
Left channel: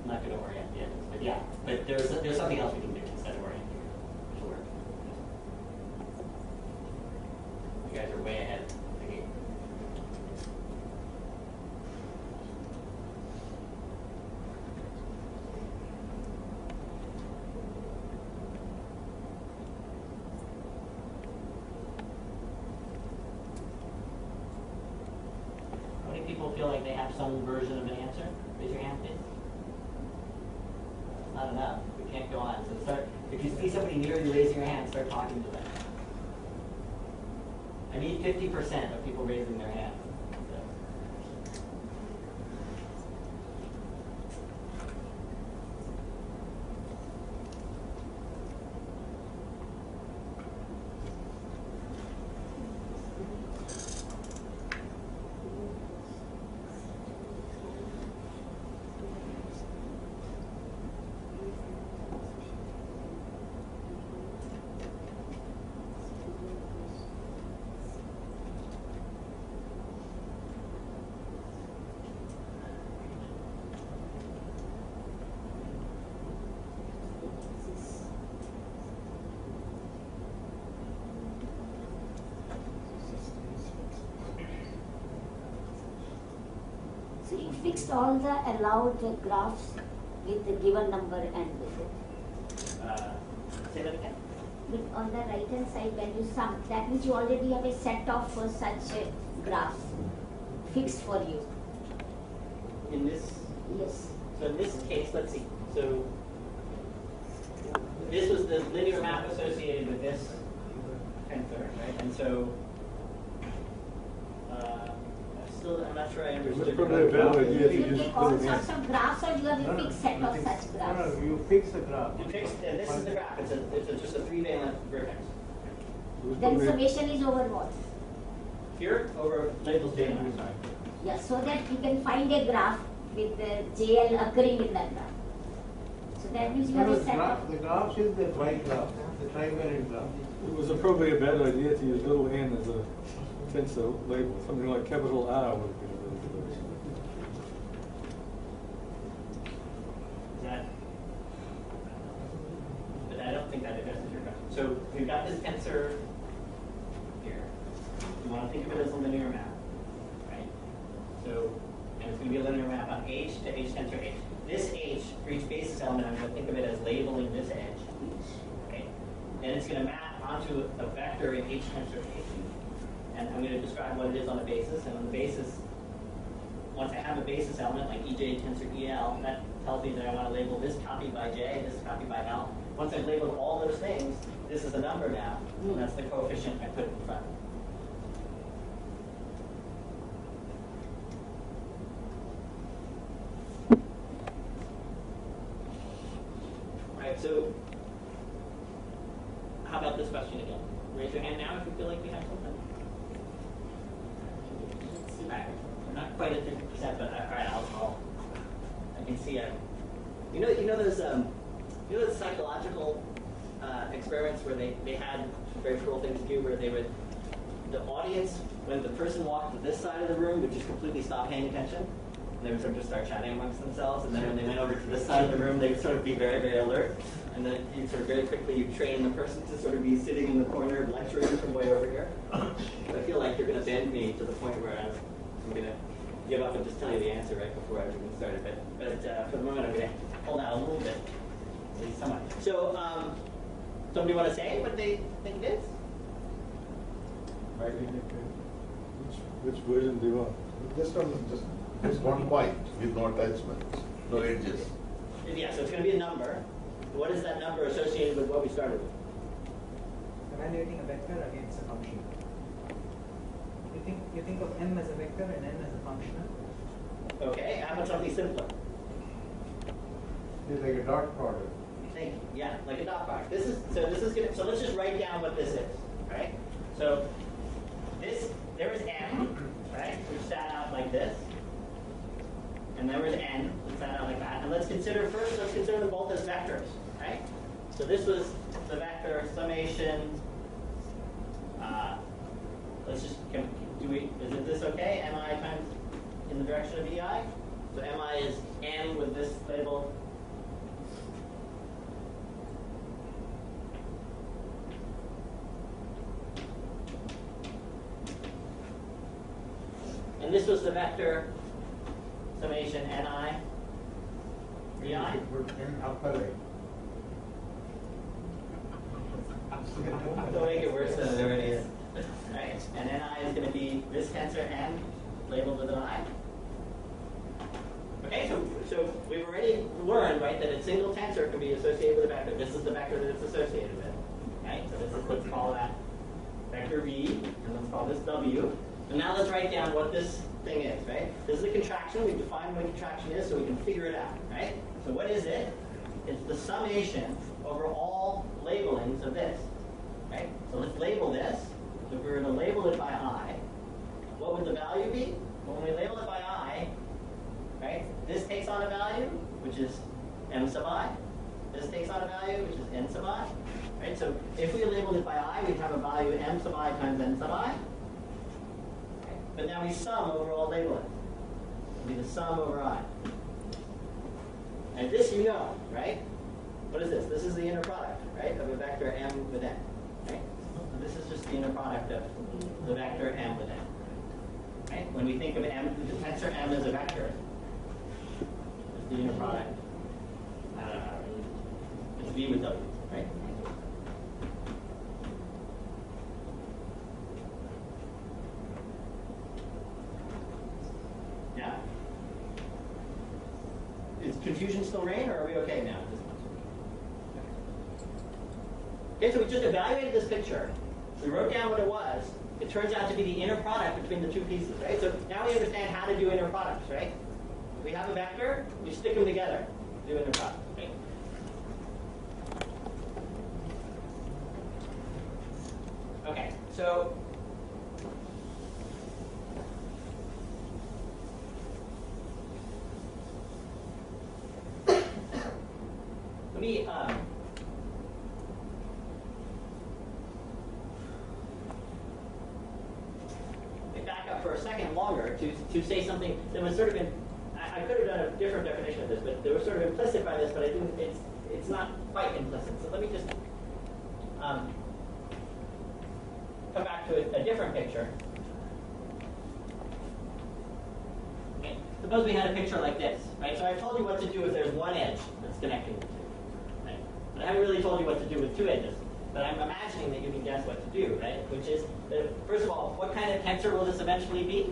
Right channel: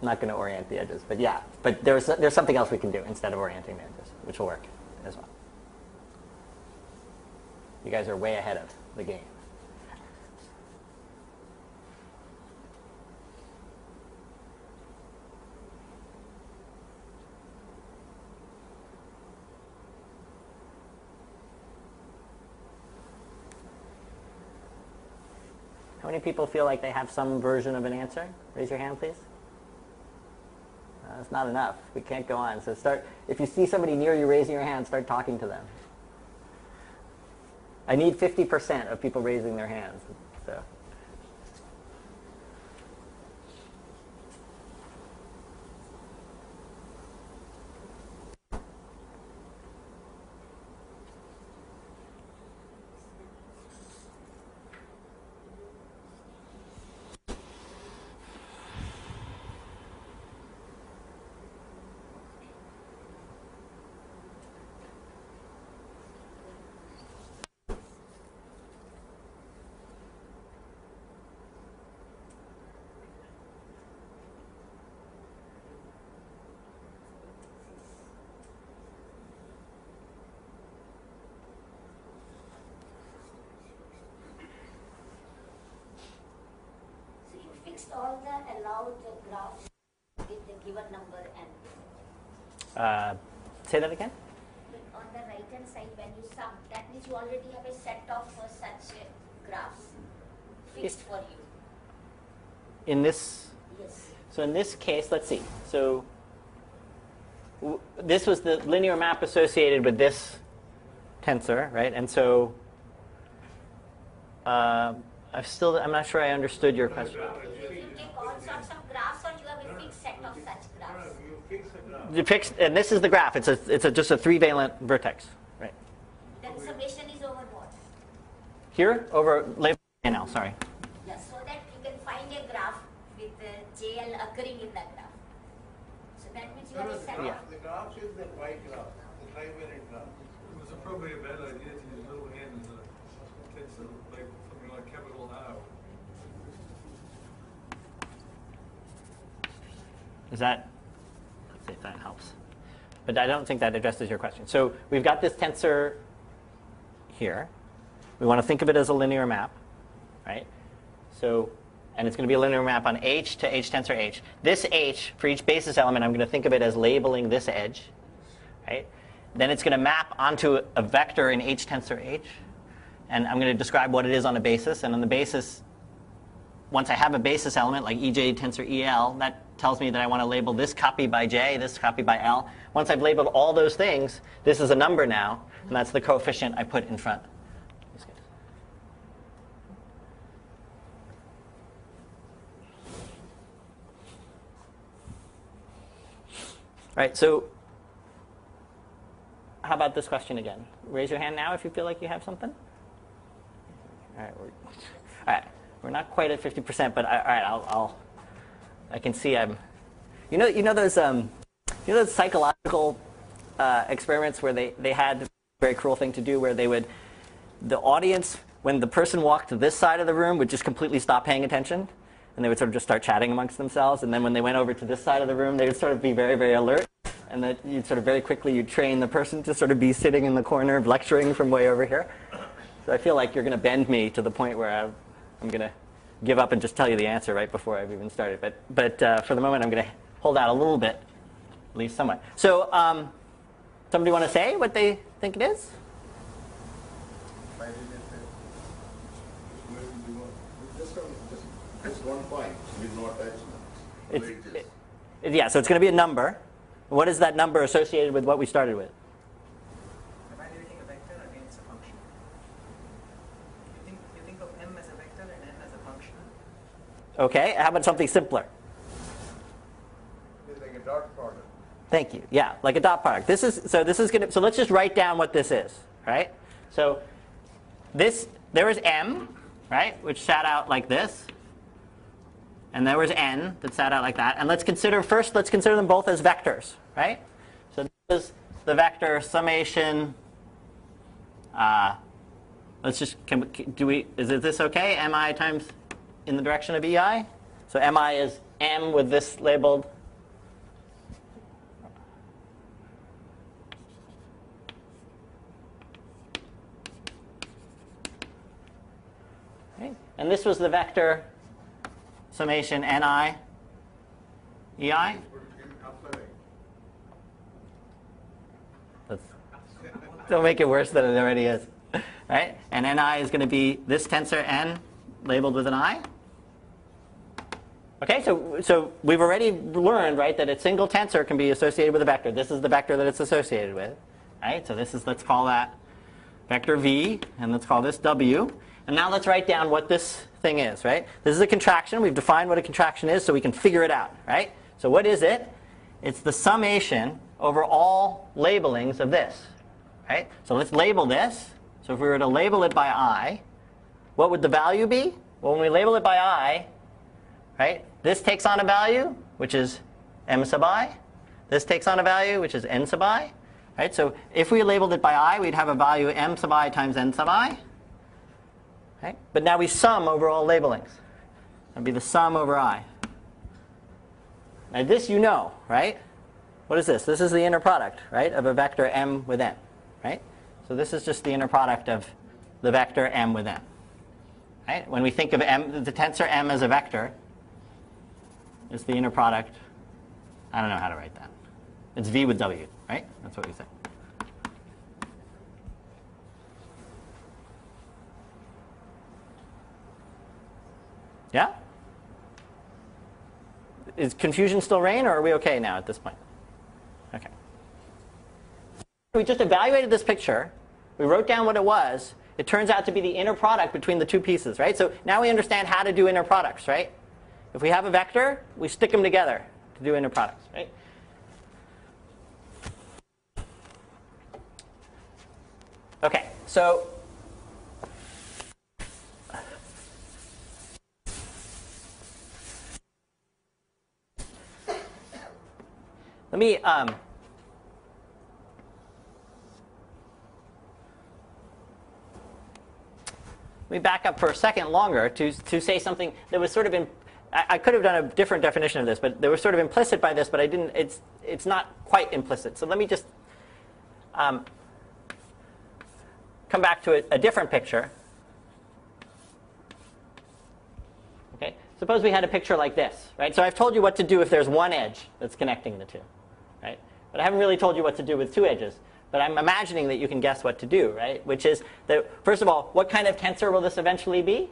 not going to orient the edges, but yeah, but there's something else we can do instead of orienting the edges, which will work as well. You guys are way ahead of the game. How many people feel like they have some version of an answer? Raise your hand, please. That's not enough. We can't go on. So start. If you see somebody near you raising your hand, start talking to them. I need 50% of people raising their hands. So. fixed all the allowed graphs with the given number and with it. Say that again? On the right hand side when you sum, that means you already have a set of such graphs fixed for you. In this, Yes. so in this case, let's see. So this was the linear map associated with this tensor, right? And so I'm not sure I understood your question. You take all sorts of graphs, or you have a fixed set of such graphs? You fix the graph. You fix, and this is the graph. It's just a 3-valent vertex, right? Then summation is over what? Here over labels JNL. Sorry. Yeah, so that you can find a graph with the JL occurring in that graph. So that means you have a set of. The graph is the graph, the trivalent graph. It was probably a bad idea to use little n as a tensor label. Something like capital R would be a little bit. Is that? Let's see if that helps. But I don't think that addresses your question. So we've got this tensor here. We want to think of it as a linear map, right? So, and it's going to be a linear map on H to H tensor H. This H, for each basis element, I'm going to think of it as labeling this edge, right? Then it's going to map onto a vector in H tensor H. And I'm going to describe what it is on a basis. And on the basis, once I have a basis element like EJ tensor EL, that tells me that I want to label this copy by J, this copy by L. Once I've labeled all those things, this is a number now. And that's the coefficient I put in front. Right, so how about this question again? Raise your hand now if you feel like you have something. All right, we're not quite at 50%, but all right, I can see I'm. You know those psychological experiments where they had a very cruel thing to do where the audience, when the person walked to this side of the room, would just completely stop paying attention. And they would sort of just start chatting amongst themselves. And then when they went over to this side of the room, they would sort of be very, very alert. And then you'd sort of very quickly train the person to sort of be sitting in the corner lecturing from way over here. So I feel like you're going to bend me to the point where I'm going to give up and just tell you the answer right before I've even started. But for the moment, I'm going to hold out a little bit, at least somewhat. So somebody want to say what they think it is? Which version do you want? Just one point with no attachments, no edges. Yeah, so it's going to be a number. What is that number associated with what we started with? Evaluating a vector against a function. You think of M as a vector and N as a functional. Okay, how about something simpler? It's like a dot product. Thank you. Yeah, like a dot product. So let's just write down what this is, right? So there was M, right, which sat out like this. And there was N that sat out like that. And let's consider them both as vectors, right? So this was the vector summation. Let's just, is this okay? Mi times in the direction of EI? So Mi is M with this labeled. Okay. And this was the vector summation Ni, EI? Don't make it worse than it already is. Right? And Ni is going to be this tensor N labeled with an I. Okay, so we've already learned, right, that a single tensor can be associated with a vector. This is the vector that it's associated with. Right? So let's call that vector V, and let's call this W. And now let's write down what this thing is, right? This is a contraction. We've defined what a contraction is so we can figure it out, right? So what is it? It's the summation over all labelings of this, right? So let's label this. So if we were to label it by I, what would the value be? Well, when we label it by I, right, this takes on a value, which is M sub I. This takes on a value, which is N sub I, right? So if we labeled it by I, we'd have a value M sub I times N sub I. Right? But now we sum over all labelings. It'll be the sum over I. Now this you know, right? What is this? This is the inner product, right, of a vector M with N, right? So this is just the inner product of the vector M with N. Right? When we think of M, the tensor M as a vector, It's the inner product. I don't know how to write that. It's V with W, right? That's what we said. Yeah? Is confusion still reign, or are we okay now at this point? Okay. Okay, so we just evaluated this picture. We wrote down what it was. It turns out to be the inner product between the two pieces, right? So now we understand how to do inner products, right? If we have a vector, we stick them together to do inner products, right? Okay, so let me back up for a second longer to say something that was sort of in. I could have done a different definition of this, but they were sort of implicit by this, but I didn't. It's not quite implicit. So let me just come back to a different picture. Okay. Suppose we had a picture like this, right? So I've told you what to do if there's one edge that's connecting the two, right? But I haven't really told you what to do with two edges. But I'm imagining that you can guess what to do, right? Which is that, first of all, what kind of tensor will this eventually be?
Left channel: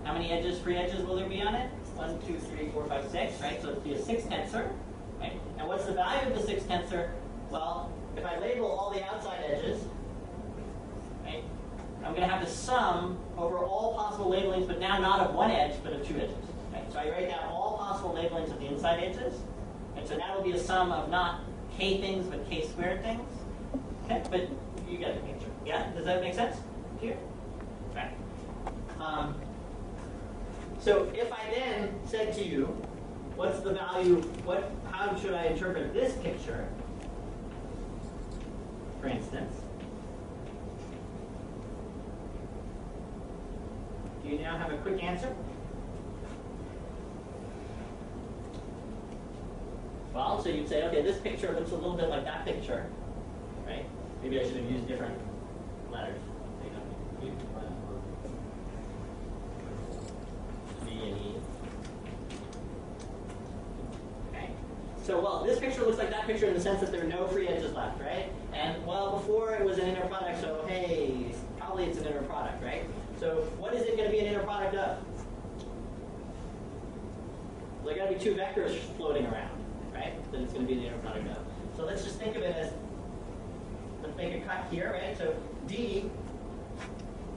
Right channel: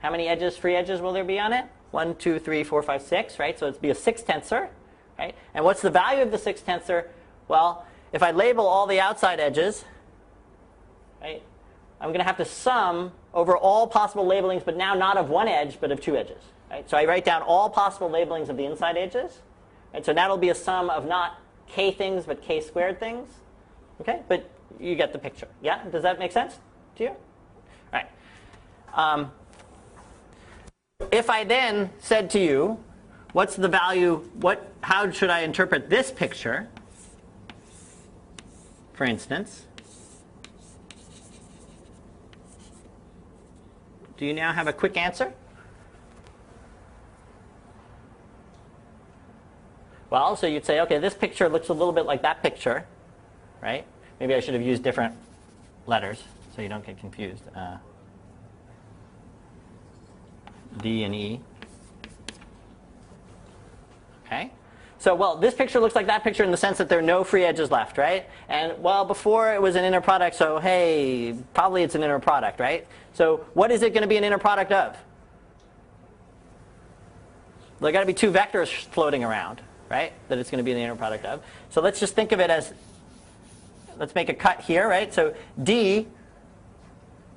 How many edges, free edges, will there be on it? 1, 2, 3, 4, 5, 6, right? So it'd be a 6 tensor, right? And what's the value of the 6 tensor? Well, if I label all the outside edges, right, I'm going to have to sum over all possible labelings, but now not of one edge, but of two edges. Right? So I write down all possible labelings of the inside edges. Right? So that'll be a sum of not k things, but k squared things. Okay, but you get the picture. Yeah, does that make sense to you? All right. So if I then said to you, what's the value? How should I interpret this picture? For instance, do you now have a quick answer? Well, so you'd say, okay, this picture looks a little bit like that picture, right? Maybe I should have used different letters so you don't get confused. D and E. Okay. So, well, this picture looks like that picture in the sense that there are no free edges left, right? And, well, before it was an inner product, so, hey, probably it's an inner product, right? So what is it going to be an inner product of? There got to be two vectors floating around, right, that it's going to be an inner product of. So let's just think of it as, let's make a cut here, right? So D,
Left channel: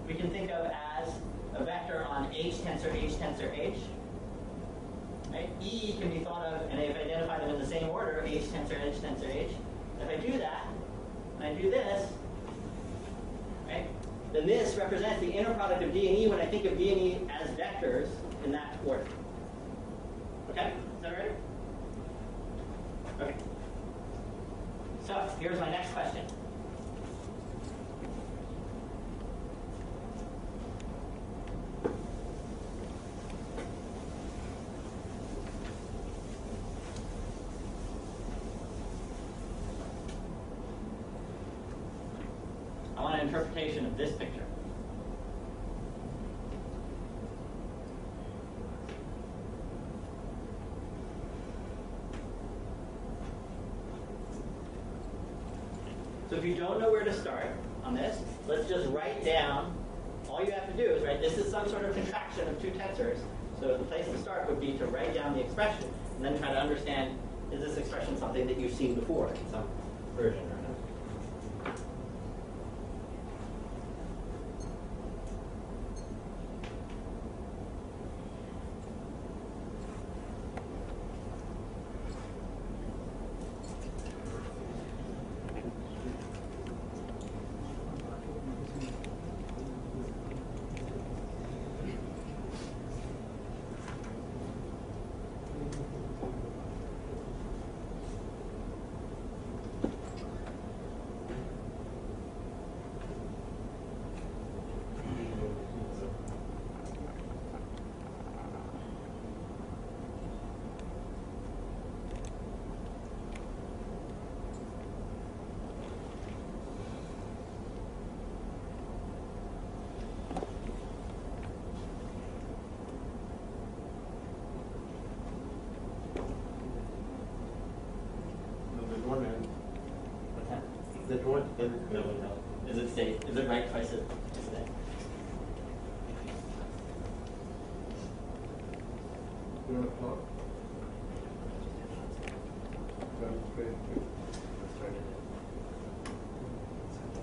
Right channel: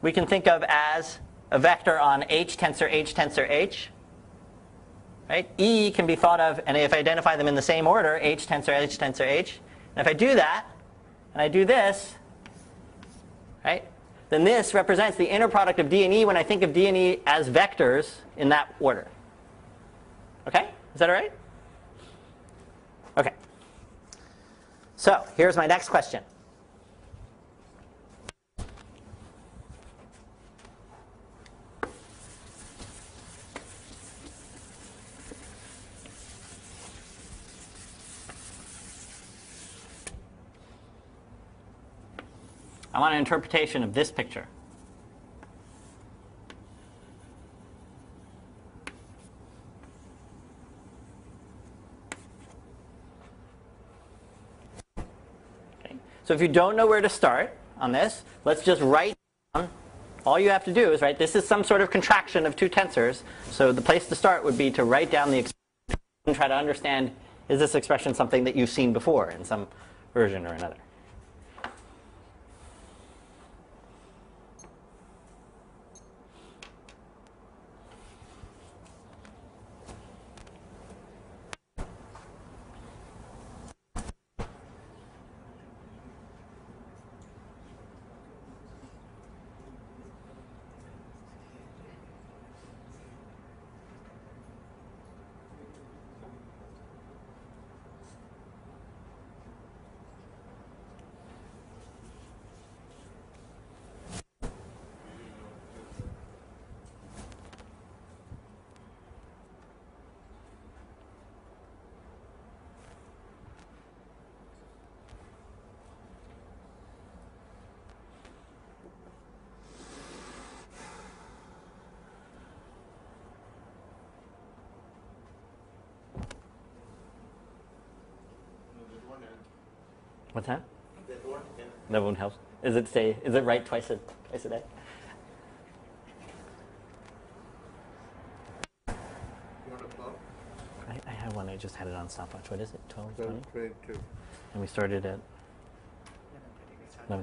we can think of as a vector on H tensor H tensor H. Right? E can be thought of, and if I identify them in the same order, H tensor H tensor H. And if I do that, and I do this, right, then this represents the inner product of D and E when I think of D and E as vectors in that order. Okay? Is that all right? Okay. So here's my next question. I want an interpretation of this picture. Okay. So if you don't know where to start on this, let's just write down. All you have to do is, right, this is some sort of contraction of two tensors. So the place to start would be to write down the expression and then try to understand, is this expression something that you've seen before in some version or another? That won't help. That won't help. Is it right twice a day? You want to follow? I have one. I just had it on stopwatch. What is it? 12? Well, great, too. And we started at 11:30.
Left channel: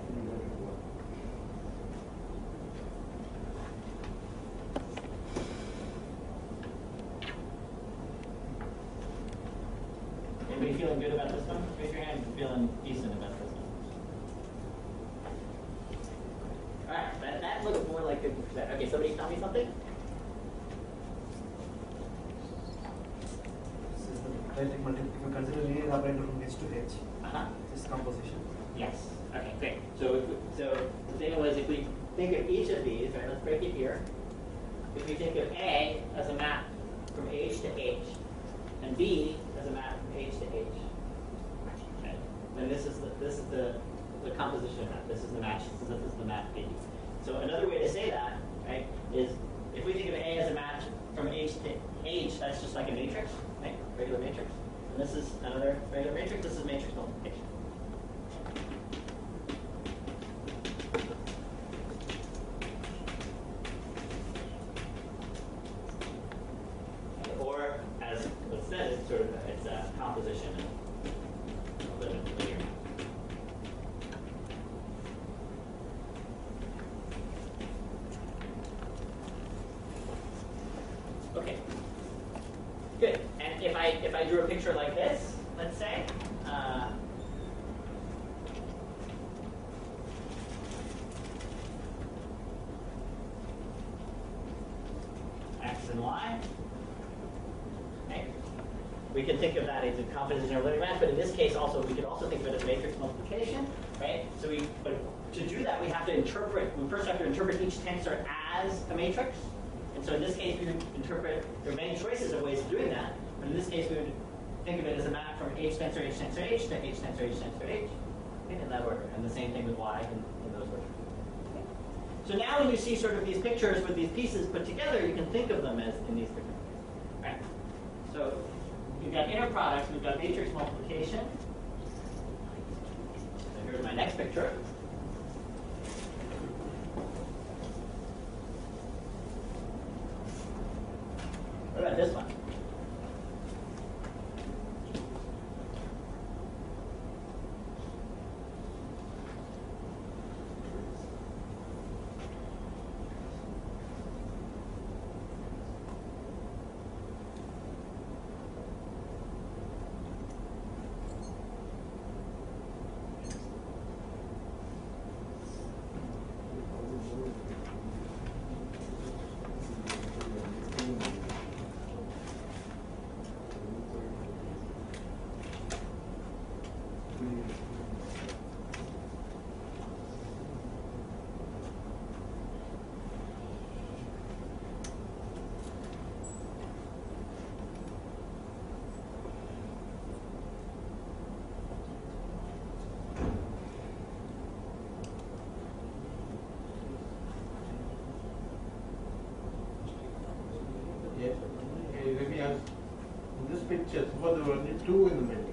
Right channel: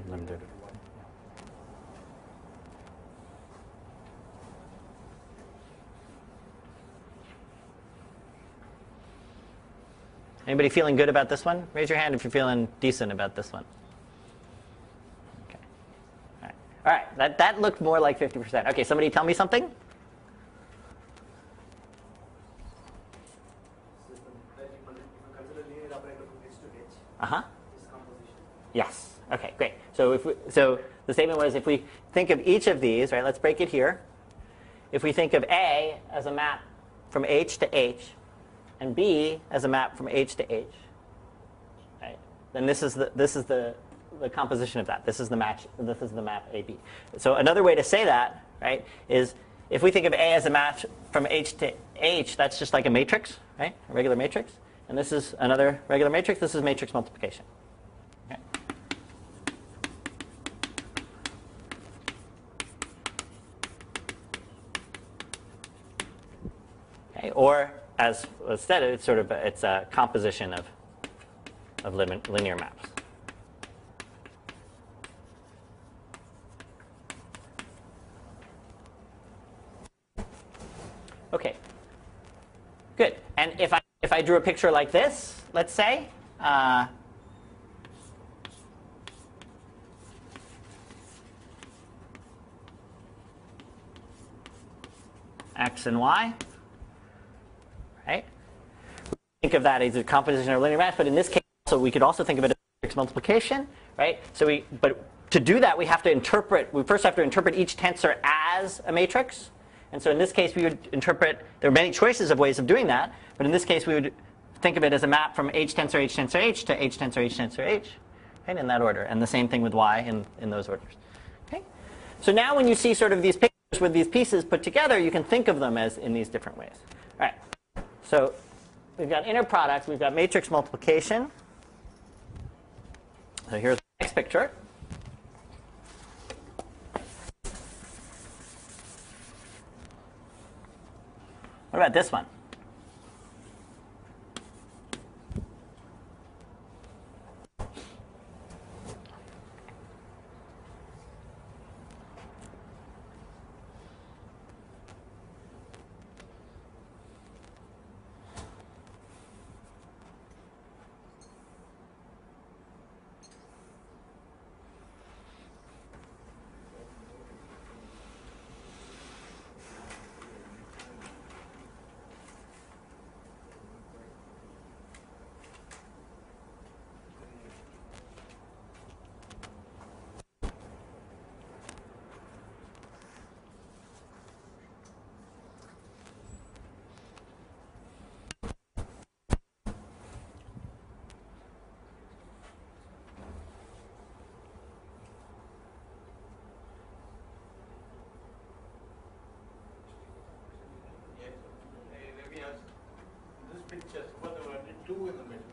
Anybody feeling good about this one? Raise your hand if you're feeling decent about this one. All right, that looks more like 50%. Okay, somebody tell me something? If you consider linear operator from H to H, this composition. Yes. Okay, great. So the statement was, if we think of each of these, right? Let's break it here. If we think of A as a map from H to H, and B as a map from H to H, right? Then this is the composition of that. This is the match. This is the map AB. So another way to say that, right, is if we think of A as a match from H to H, that's just like a matrix, right? A regular matrix. And this is another regular matrix. This is matrix multiplication. Okay. Or as was said, it's a composition of linear maps. Okay, good. And if I drew a picture like this, let's say, X and Y, right? We can think of that as a composition of linear maps, but in this case, also we could also think of it as matrix multiplication, right? But to do that, we first have to interpret each tensor as a matrix. And so in this case, we would interpret, there are many choices of ways of doing that, but in this case, we would think of it as a map from H tensor H tensor H to H tensor H tensor H, right, in that order. And the same thing with Y in those orders. Okay? So now when you see sort of these pictures with these pieces put together, you can think of them as in these different ways. All right. So we've got inner product, we've got matrix multiplication. So here's my next picture. What about this one? Let me ask, in this picture, suppose there were only two in the middle.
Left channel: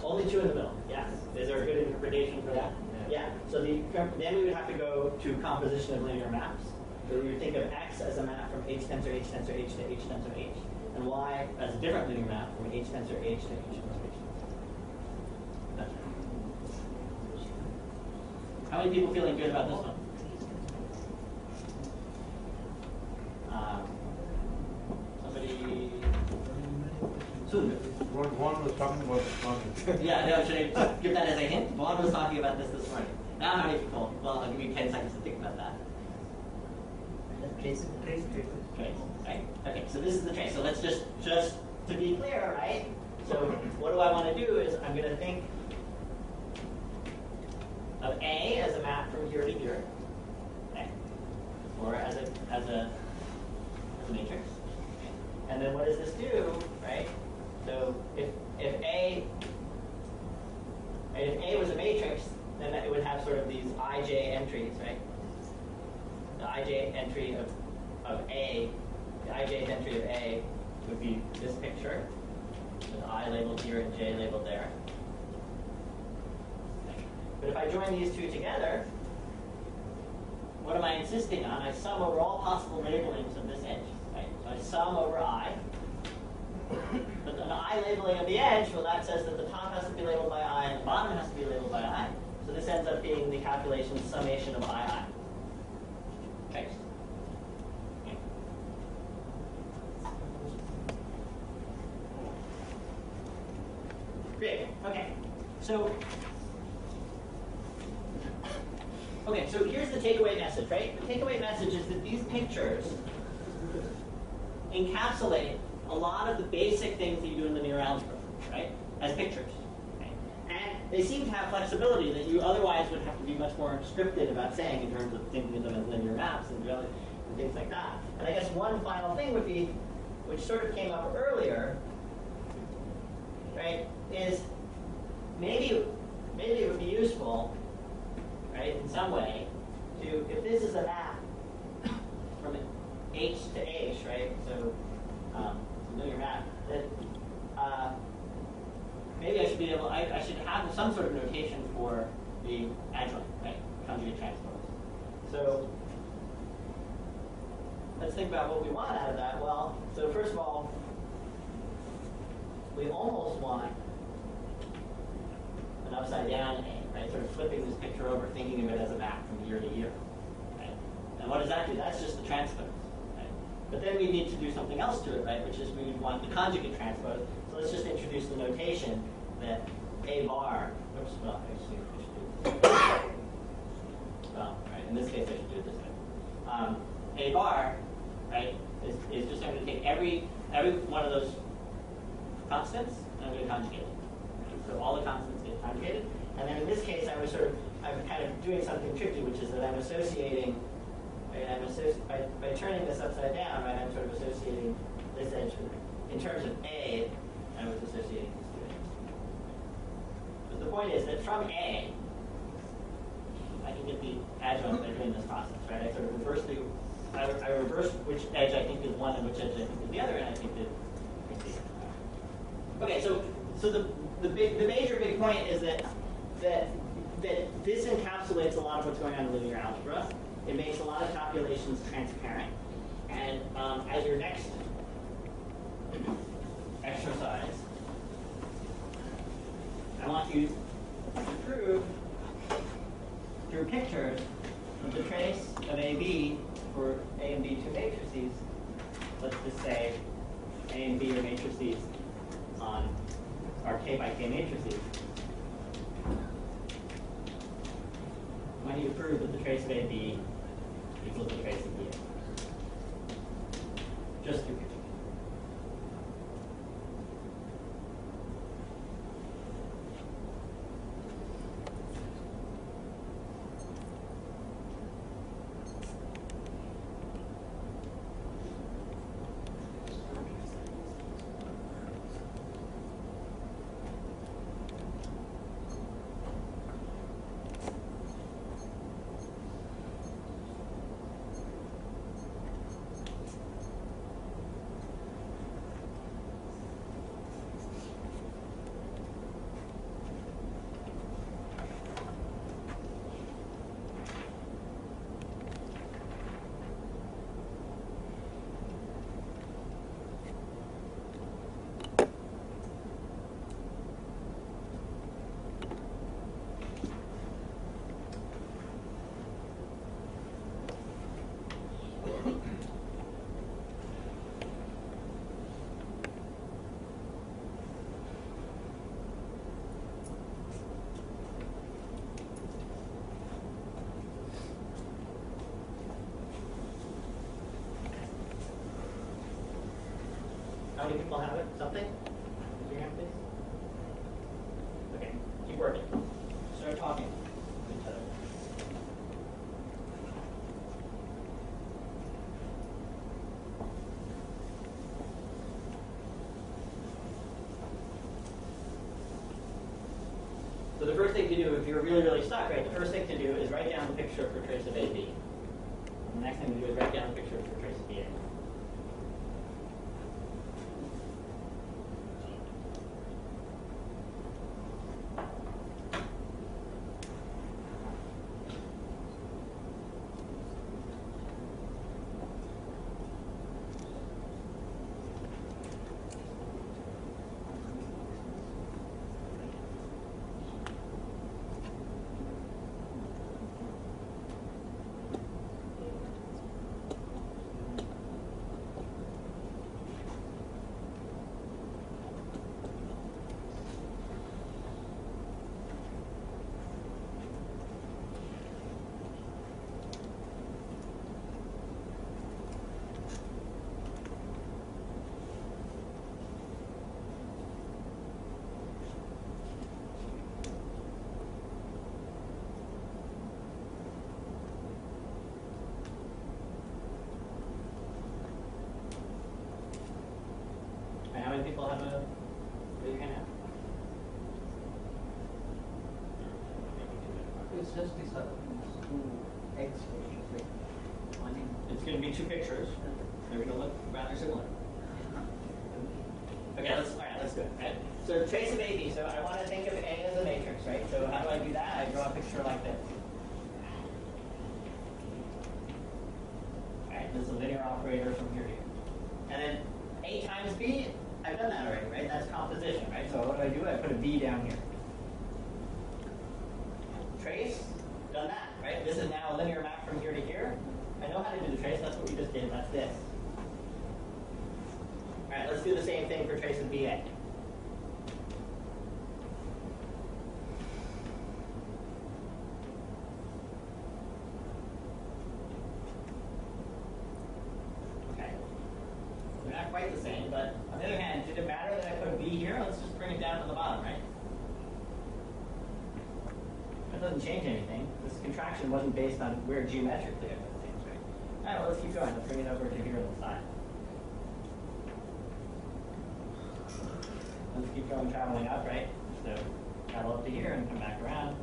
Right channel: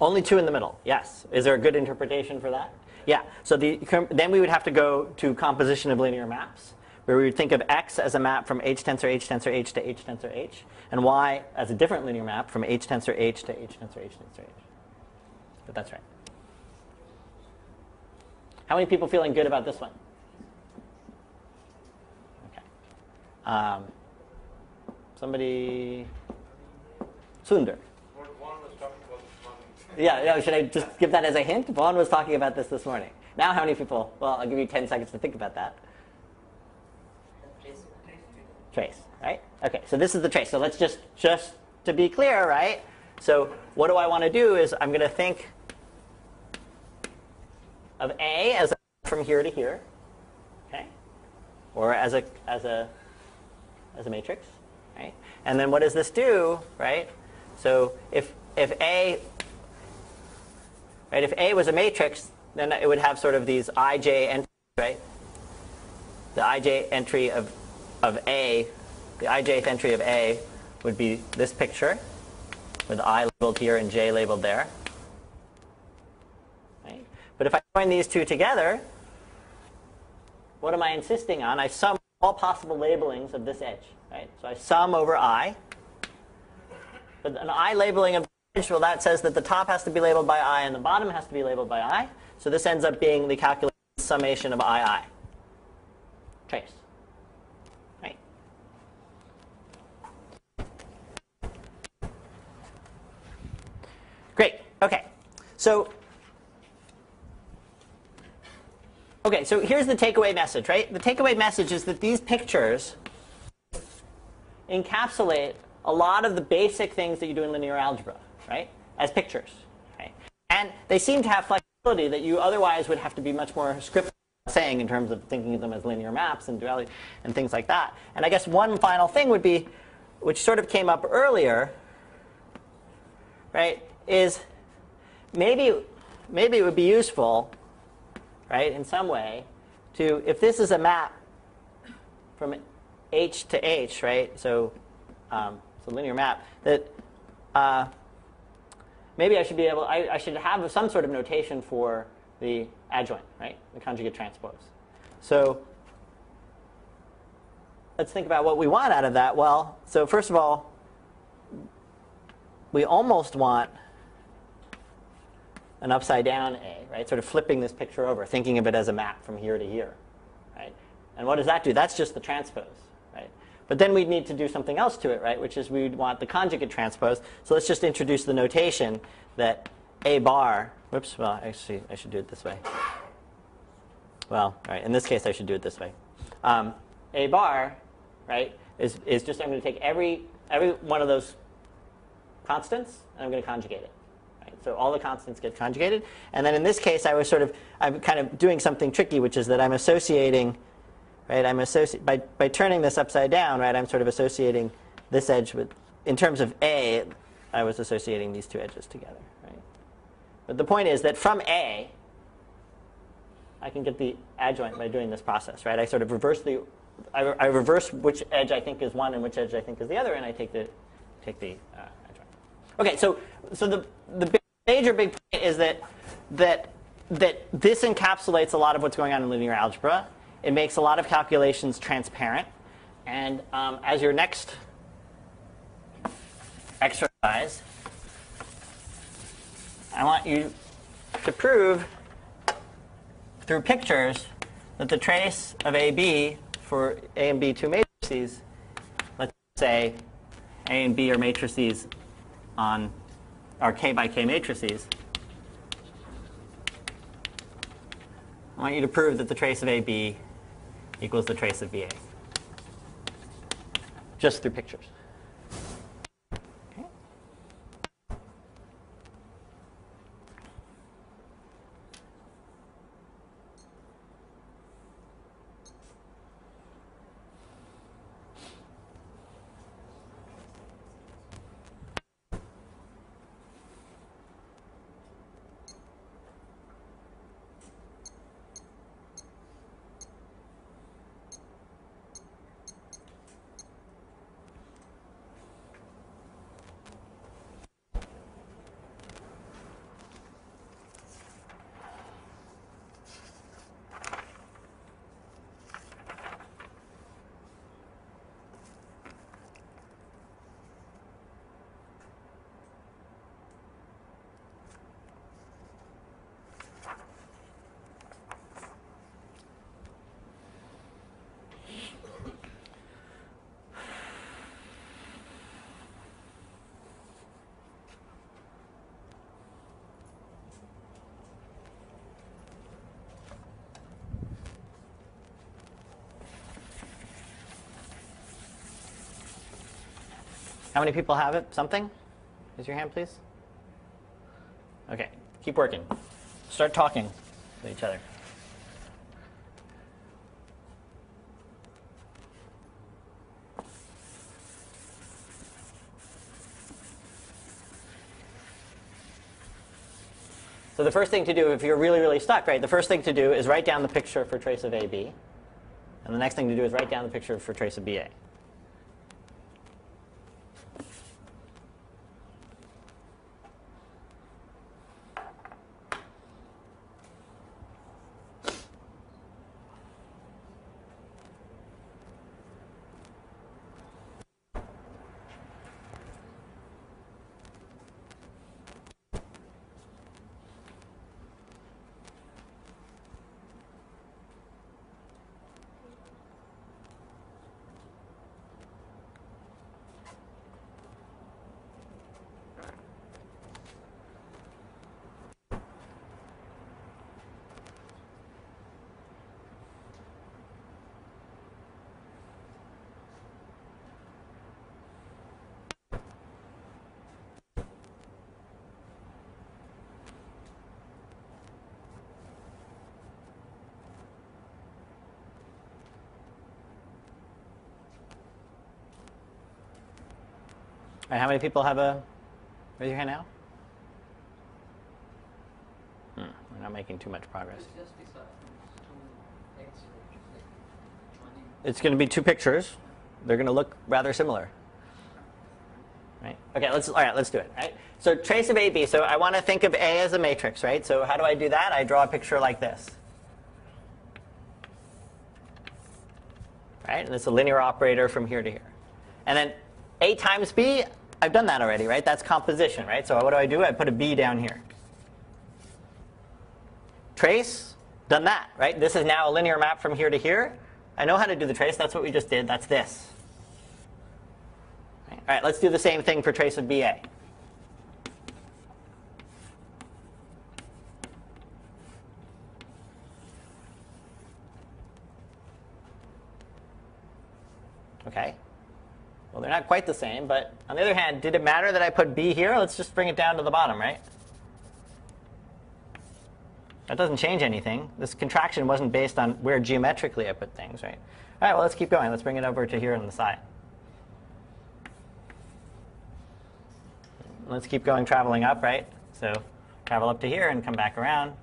Only two in the middle, yes. Is there a good interpretation for that? Yeah. So then we would have to go to composition of linear maps, where we would think of X as a map from H tensor H tensor H to H tensor H, and Y as a different linear map from H tensor H to H tensor H tensor H. But that's right. How many people feeling good about this one? Somebody? Sundar. One was talking about one. Yeah, should I just give that as a hint? Vaughn was talking about this morning. Now how many people? Well, I'll give you 10 seconds to think about that. Trace, right? Okay, so this is the trace. So let's just to be clear, right? So what do I want to do is I'm going to think of A as a map from here to here, okay? Or as a matrix, right? And then what does this do, right? So if A was a matrix, then it would have sort of these ij entries, right? The ij entry of A, the ijth entry of A would be this picture with I labeled here and J labeled there. Okay. But if I join these two together, what am I insisting on? I sum over all possible labelings of this edge. Right? So I sum over I. But an I labeling of the edge, well, that says that the top has to be labeled by I and the bottom has to be labeled by I. So this ends up being the calculation summation of II. Trace. Right? Great. Okay. So here's the takeaway message, right? The takeaway message is that these pictures encapsulate a lot of the basic things that you do in linear algebra, right? As pictures. Okay? And they seem to have flexibility that you otherwise would have to be much more scripted about saying in terms of thinking of them as linear maps and duality and things like that. And I guess one final thing would be, which sort of came up earlier, right, is maybe it would be useful, right, in some way, to, if this is a map from H to H, right, so it's a linear map, that maybe I should be able, I should have some sort of notation for the adjoint, right, the conjugate transpose. So let's think about what we want out of that. Well, so first of all, we almost want an upside down A, right? Sort of flipping this picture over, thinking of it as a map from here to here, right? And what does that do? That's just the transpose, right? But then we need to do something else to it, right? Which is we'd want the conjugate transpose. So let's just introduce the notation that A bar, whoops, well, actually, I should do it this way. Well, all right, in this case, I should do it this way. A bar, right, is just, I'm going to take every one of those constants, and I'm going to conjugate it. Right? So all the constants get conjugated. And then in this case, I'm kind of doing something tricky, which is that I'm associating, right, by turning this upside down, right, I'm sort of associating this edge with, in terms of A, I was associating these two edges together. Right? But the point is that from A, I can get the adjoint by doing this process, right? I sort of reverse I reverse which edge I think is one and which edge I think is the other, and I take the. Okay, so the major big point is that this encapsulates a lot of what's going on in linear algebra. It makes a lot of calculations transparent, and as your next exercise, I want you to prove through pictures that the trace of AB for A and B two matrices, let's say A and B are matrices on our K by K matrices. I want you to prove that the trace of AB equals the trace of BA. Just through pictures. How many people have it? Something? Raise your hand, please. Okay, keep working. Start talking with each other. So the first thing to do, if you're really, really stuck, right, the first thing to do is write down the picture for trace of AB. And the next thing to do is write down the picture for trace of BA. right, how many people have a, raise your hand now? We're not making too much progress. It's just these two X pictures, like one in. It's going to be two pictures. They're going to look rather similar. Right. Okay, all right, let's do it. Right? So trace of AB. So I want to think of A as a matrix, right? So how do I do that? I draw a picture like this. Right? And it's a linear operator from here to here. And then A times B, I've done that already, right? That's composition, right? So what do? I put a B down here. Trace, done that, right? This is now a linear map from here to here. I know how to do the trace. That's what we just did. That's this. All right, let's do the same thing for trace of BA. Okay. Well, they're not quite the same, but on the other hand, did it matter that I put B here? Let's just bring it down to the bottom, right? That doesn't change anything. This contraction wasn't based on where geometrically I put things, right? All right, well, let's keep going. Let's bring it over to here on the side. Let's keep going, traveling up, right? So travel up to here and come back around.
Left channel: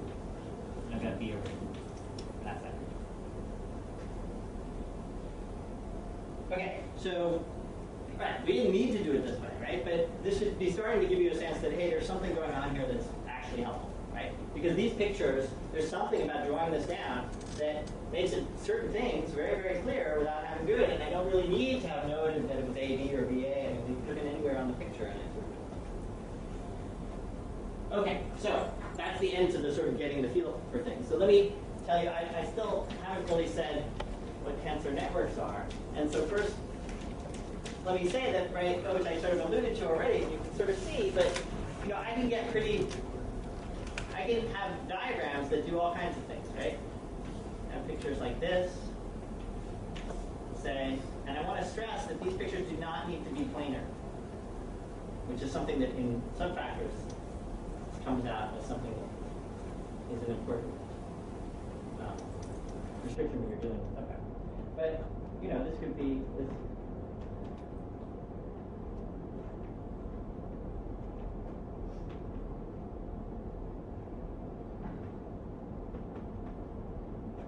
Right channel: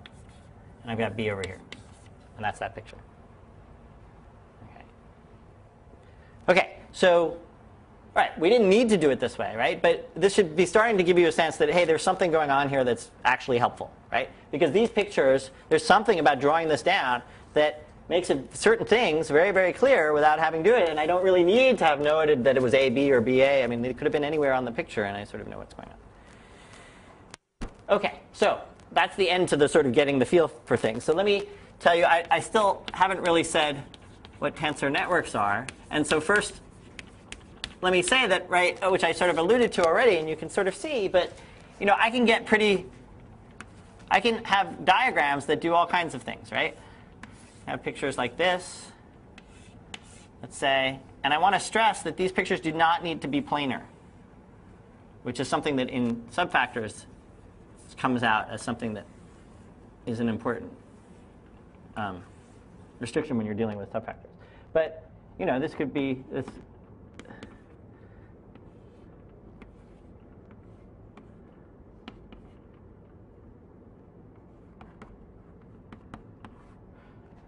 And I've got B over here. And that's that picture. Okay, so, all right, we didn't need to do it this way, right? But this should be starting to give you a sense that, hey, there's something going on here that's actually helpful, right? Because these pictures, there's something about drawing this down that makes it certain things very, very clear without having to do it. And I don't really need to have noted that it was A, B, or BA. I mean, it could have been anywhere on the picture, and I sort of know what's going on. Okay, so that's the end to the sort of getting the feel for things. So let me tell you, I still haven't really said what tensor networks are. And so first, let me say that, right, which I sort of alluded to already, and you can sort of see, but you know, I can have diagrams that do all kinds of things, right? I have pictures like this, let's say, and I want to stress that these pictures do not need to be planar, which is something that in subfactors comes out as something that is an important restriction when you're dealing with subfactors. But you know, this could be this.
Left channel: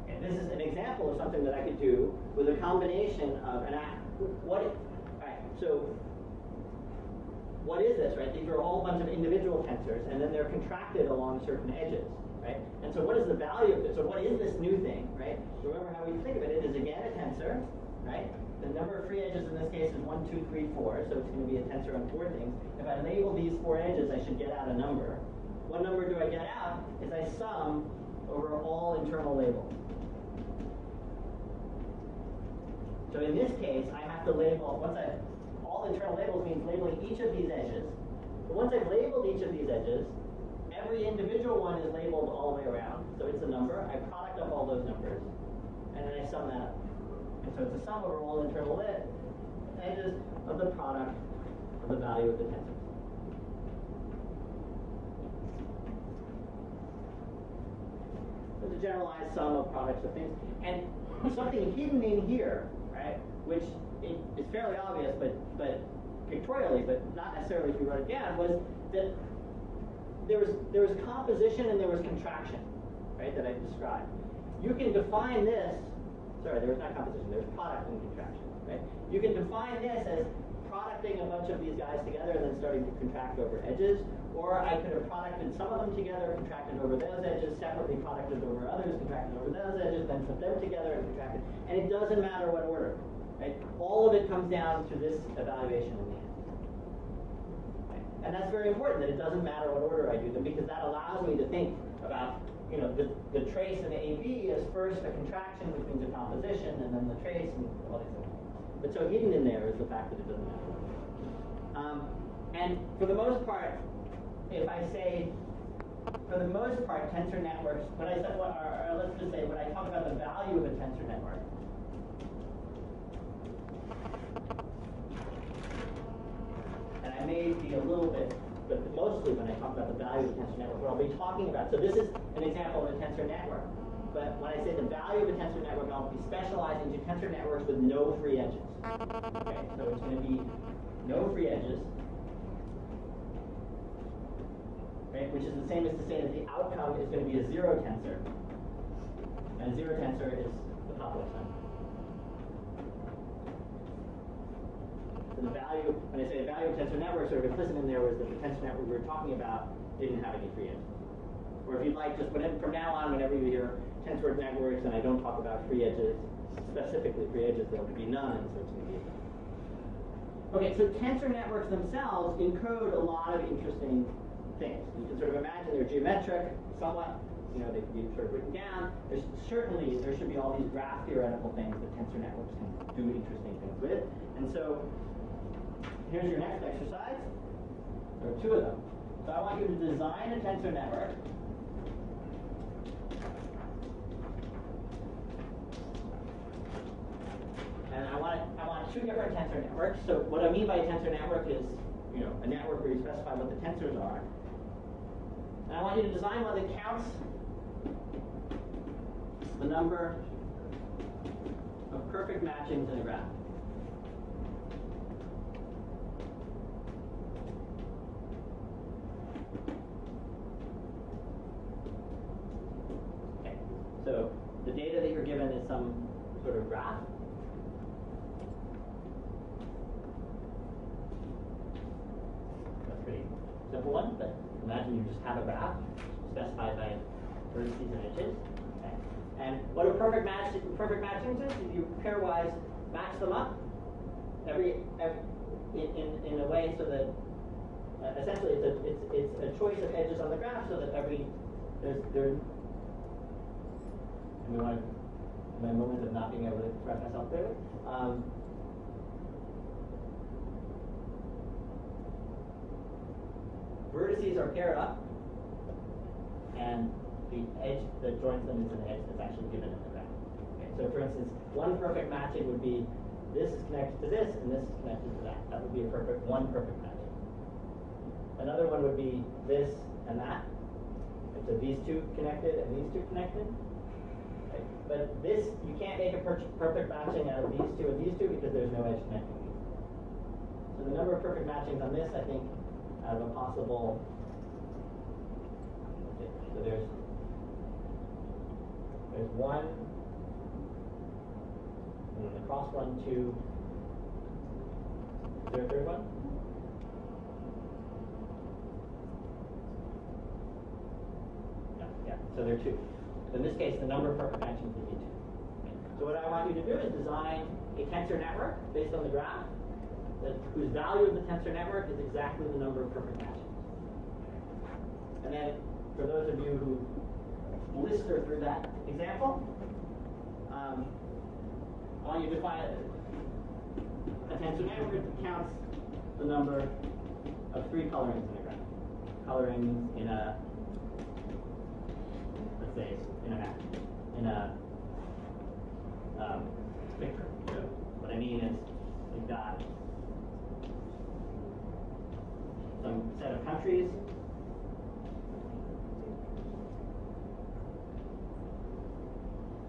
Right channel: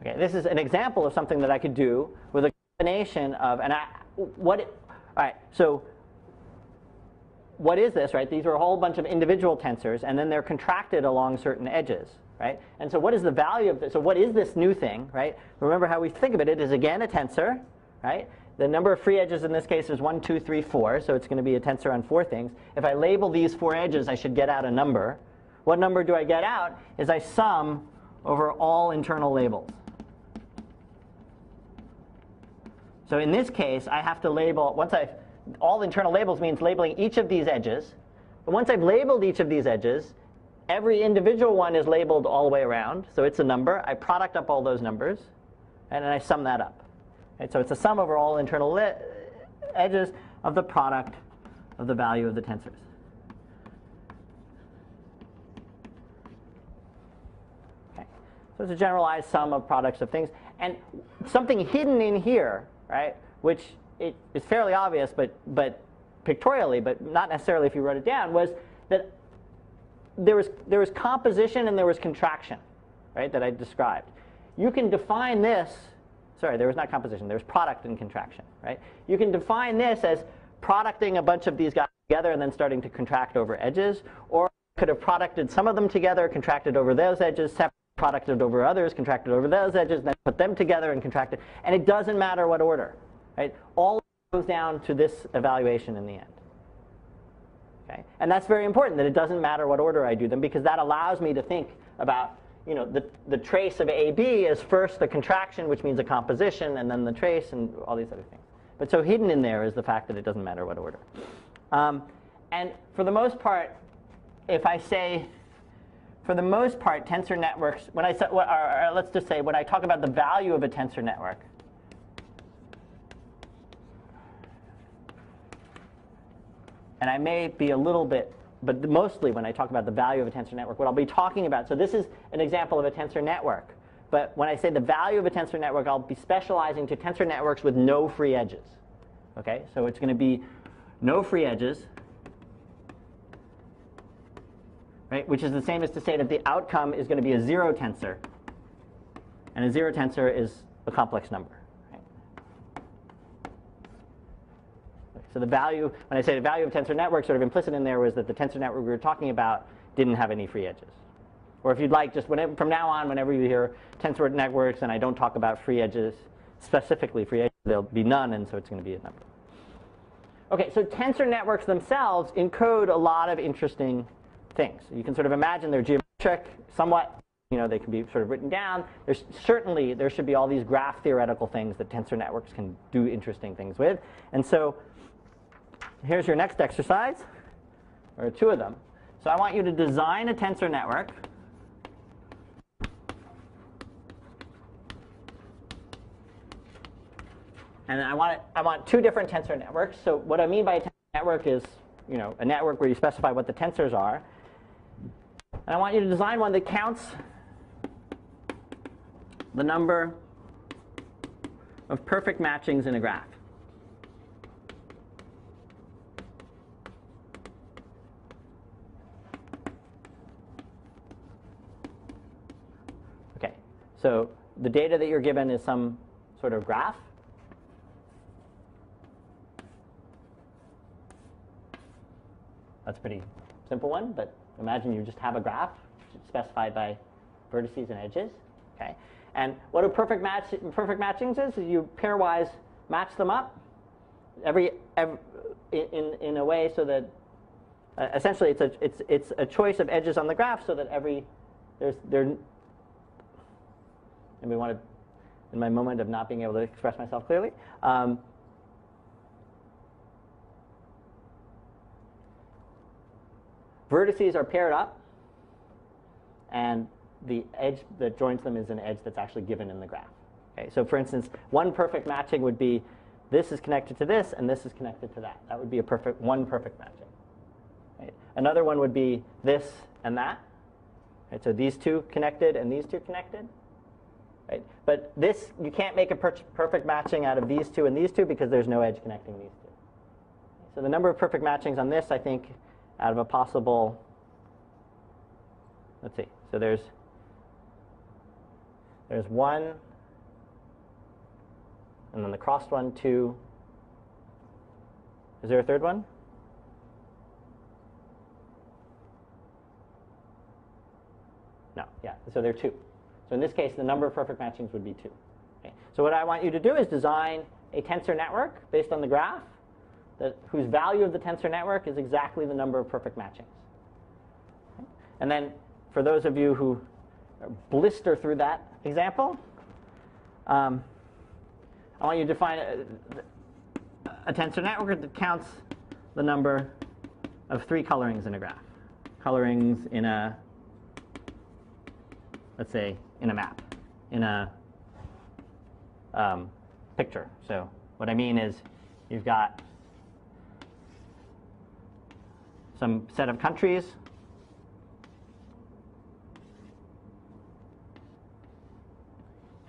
Okay, this is an example of something that I could do with a combination of, all right, so what is this, right? These are a whole bunch of individual tensors, and then they're contracted along certain edges, right? And so what is the value of this? So what is this new thing, right? Remember how we think of it. It is, again, a tensor, right? The number of free edges in this case is 1, 2, 3, 4, so it's going to be a tensor on 4 things. If I label these 4 edges, I should get out a number. What number do I get out is I sum over all internal labels. So in this case, I have to label, all internal labels means labeling each of these edges. But once I've labeled each of these edges, every individual one is labeled all the way around. So it's a number. I product up all those numbers, and then I sum that up. And so it's a sum over all internal edges of the product of the value of the tensors. Okay. So it's a generalized sum of products of things. And something hidden in here, right, which it is fairly obvious, but pictorially, but not necessarily if you wrote it down, was that there was composition and there was contraction, right, that I described. You can define this, sorry, there was not composition, there was product and contraction, right? You can define this as producting a bunch of these guys together and then starting to contract over edges, or I could have producted some of them together, contracted over those edges, separately producted over others, contracted over those edges, then put them together and contracted. And it doesn't matter what order, right? All of it comes down to this evaluation in the end. Okay? And that's very important, that it doesn't matter what order I do them, because that allows me to think about, you know, the trace of AB is first the contraction, which means a composition, and then the trace and all these other things. But so hidden in there is the fact that it doesn't matter what order. And for the most part, if I say, for the most part, tensor networks, when I say, let's just say, when I talk about the value of a tensor network, and I may be a little bit, but mostly when I talk about the value of a tensor network, what I'll be talking about, so this is an example of a tensor network. But when I say the value of a tensor network, I'll be specializing to tensor networks with no free edges. Okay, so it's going to be no free edges. right? Which is the same as to say that the outcome is going to be a zero tensor. And a zero tensor is a complex number. So the value, when I say the value of tensor network, sort of implicit in there was that the tensor network we were talking about didn't have any free edges. Or if you'd like, just from now on, whenever you hear tensor networks and I don't talk about free edges, specifically free edges, there'll be none, and so it's going to be a number. Okay, so tensor networks themselves encode a lot of interesting things. You can sort of imagine they're geometric, somewhat. They can be sort of written down. There should be all these graph theoretical things that tensor networks can do interesting things with. And so here's your next exercise, or two of them. So I want you to design a tensor network. And I want two different tensor networks. So what I mean by a tensor network is, a network where you specify what the tensors are. And I want you to design one that counts the number of perfect matchings in a graph. Okay, so the data that you're given is some sort of graph. That's a pretty simple one, but imagine you just have a graph specified by vertices and edges. Okay, and what a perfect matchings is you pairwise match them up in a way so that essentially it's a choice of edges on the graph so that and we want to, in my moment of not being able to express myself clearly. Vertices are paired up, and the edge that joins them is an edge that's actually given in the graph. Okay, so for instance, one perfect matching would be this is connected to this, and this is connected to that. That would be one perfect matching. Right? Another one would be this and that. Right? So these two connected and these two connected. Right? But this, you can't make a perfect matching out of these two and these two because there's no edge connecting these. So the number of perfect matchings on this, I think, out of a possible, let's see, so there's one, and then the crossed one, two. Is there a third one? No, yeah, so there are two. So in this case, the number of perfect matchings would be two. Okay. So what I want you to do is design a tensor network based on the graph whose value of the tensor network is exactly the number of perfect matchings. And then for those of you who blister through that example, I want you to define a tensor network that counts the number of three colorings in a graph. Colorings in a, let's say, in a map, in a picture. So what I mean is you've got some set of countries,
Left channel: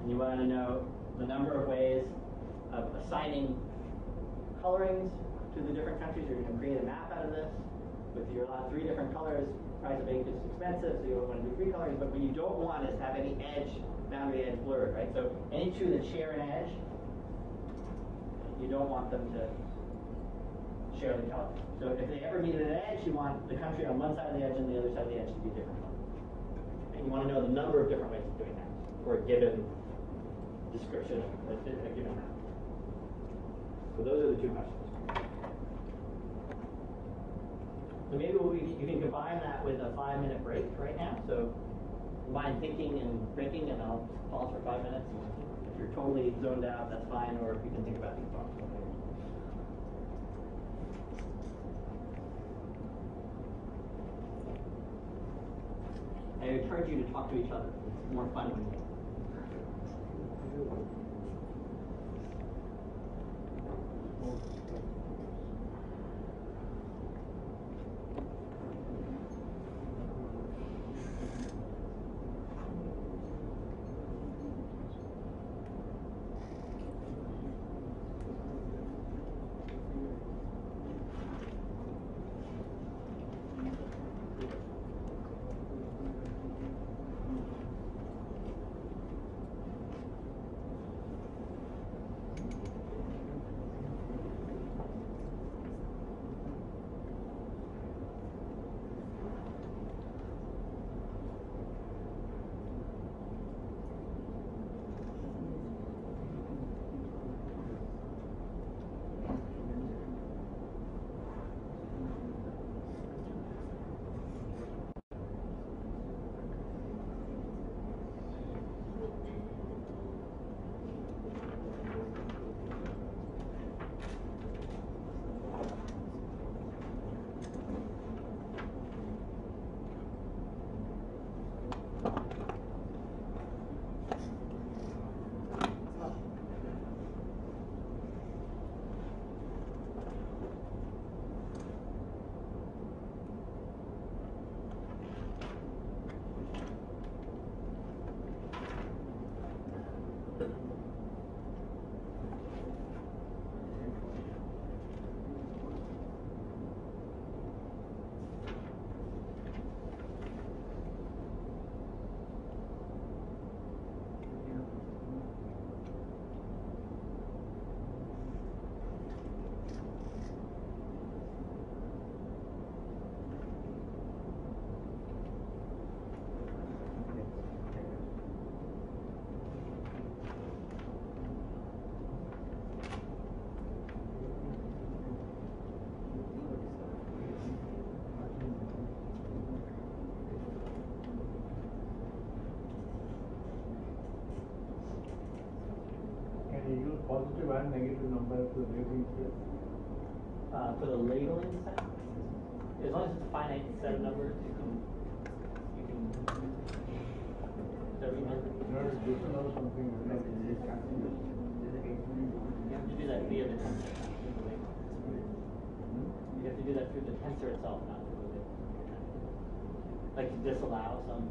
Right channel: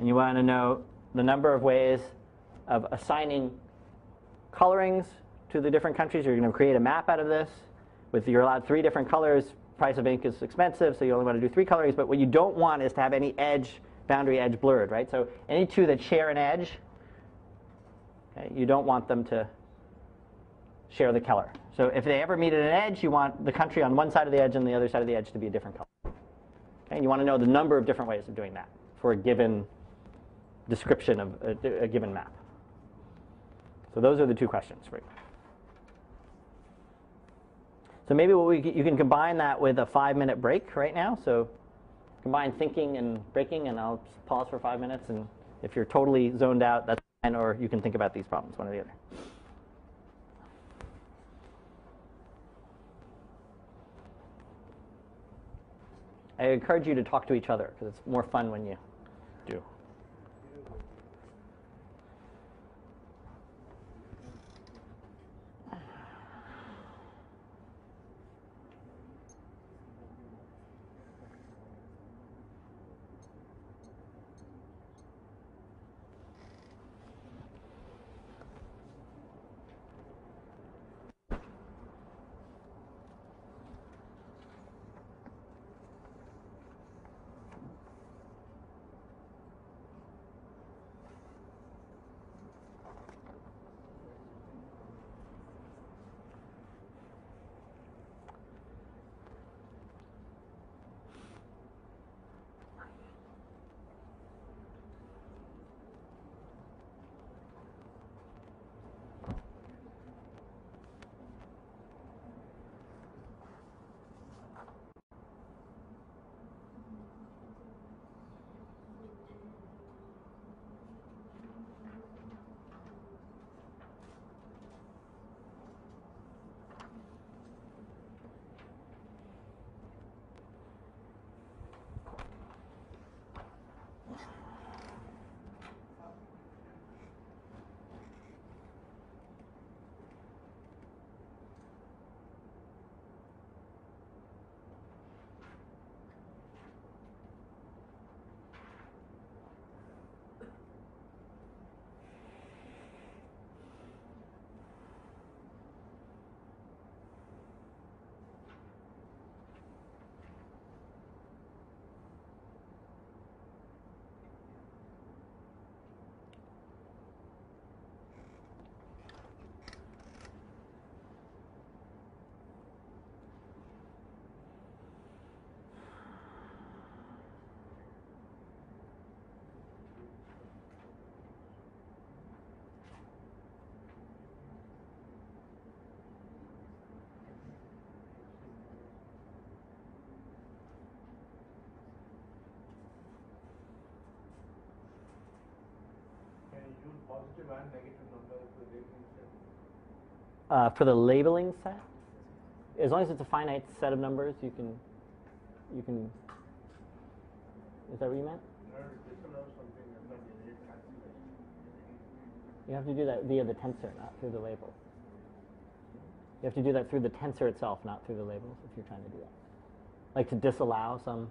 and you want to know the number of ways of assigning colorings to the different countries. You're going to create a map out of this. You're allowed 3 different colors. Price of ink is expensive, so you only want to do 3 colorings. But what you don't want is to have any boundary edge blurred, right? So any two that share an edge, okay, you don't want them to share the color. So if they ever meet at an edge, you want the country on one side of the edge and the other side of the edge to be a different color. Okay? And you want to know the number of different ways of doing that for a given description of a given map. So those are the 2 questions for you. So maybe you can combine that with a 5-minute break right now. So combine thinking and breaking, and I'll pause for 5 minutes. And if you're totally zoned out, that's fine, or you can think about these problems, one or the other. I encourage you to talk to each other, because it's more fun when you do. you use positive and negative numbers for the labeling set? For the labeling set, as long as it's a finite set of numbers, you can. Is that what you meant? In order to disallow something, You have to do that via the tensor, not through the label. You have to do that through the tensor itself, not through the label, if you're trying to do that. Like to disallow some.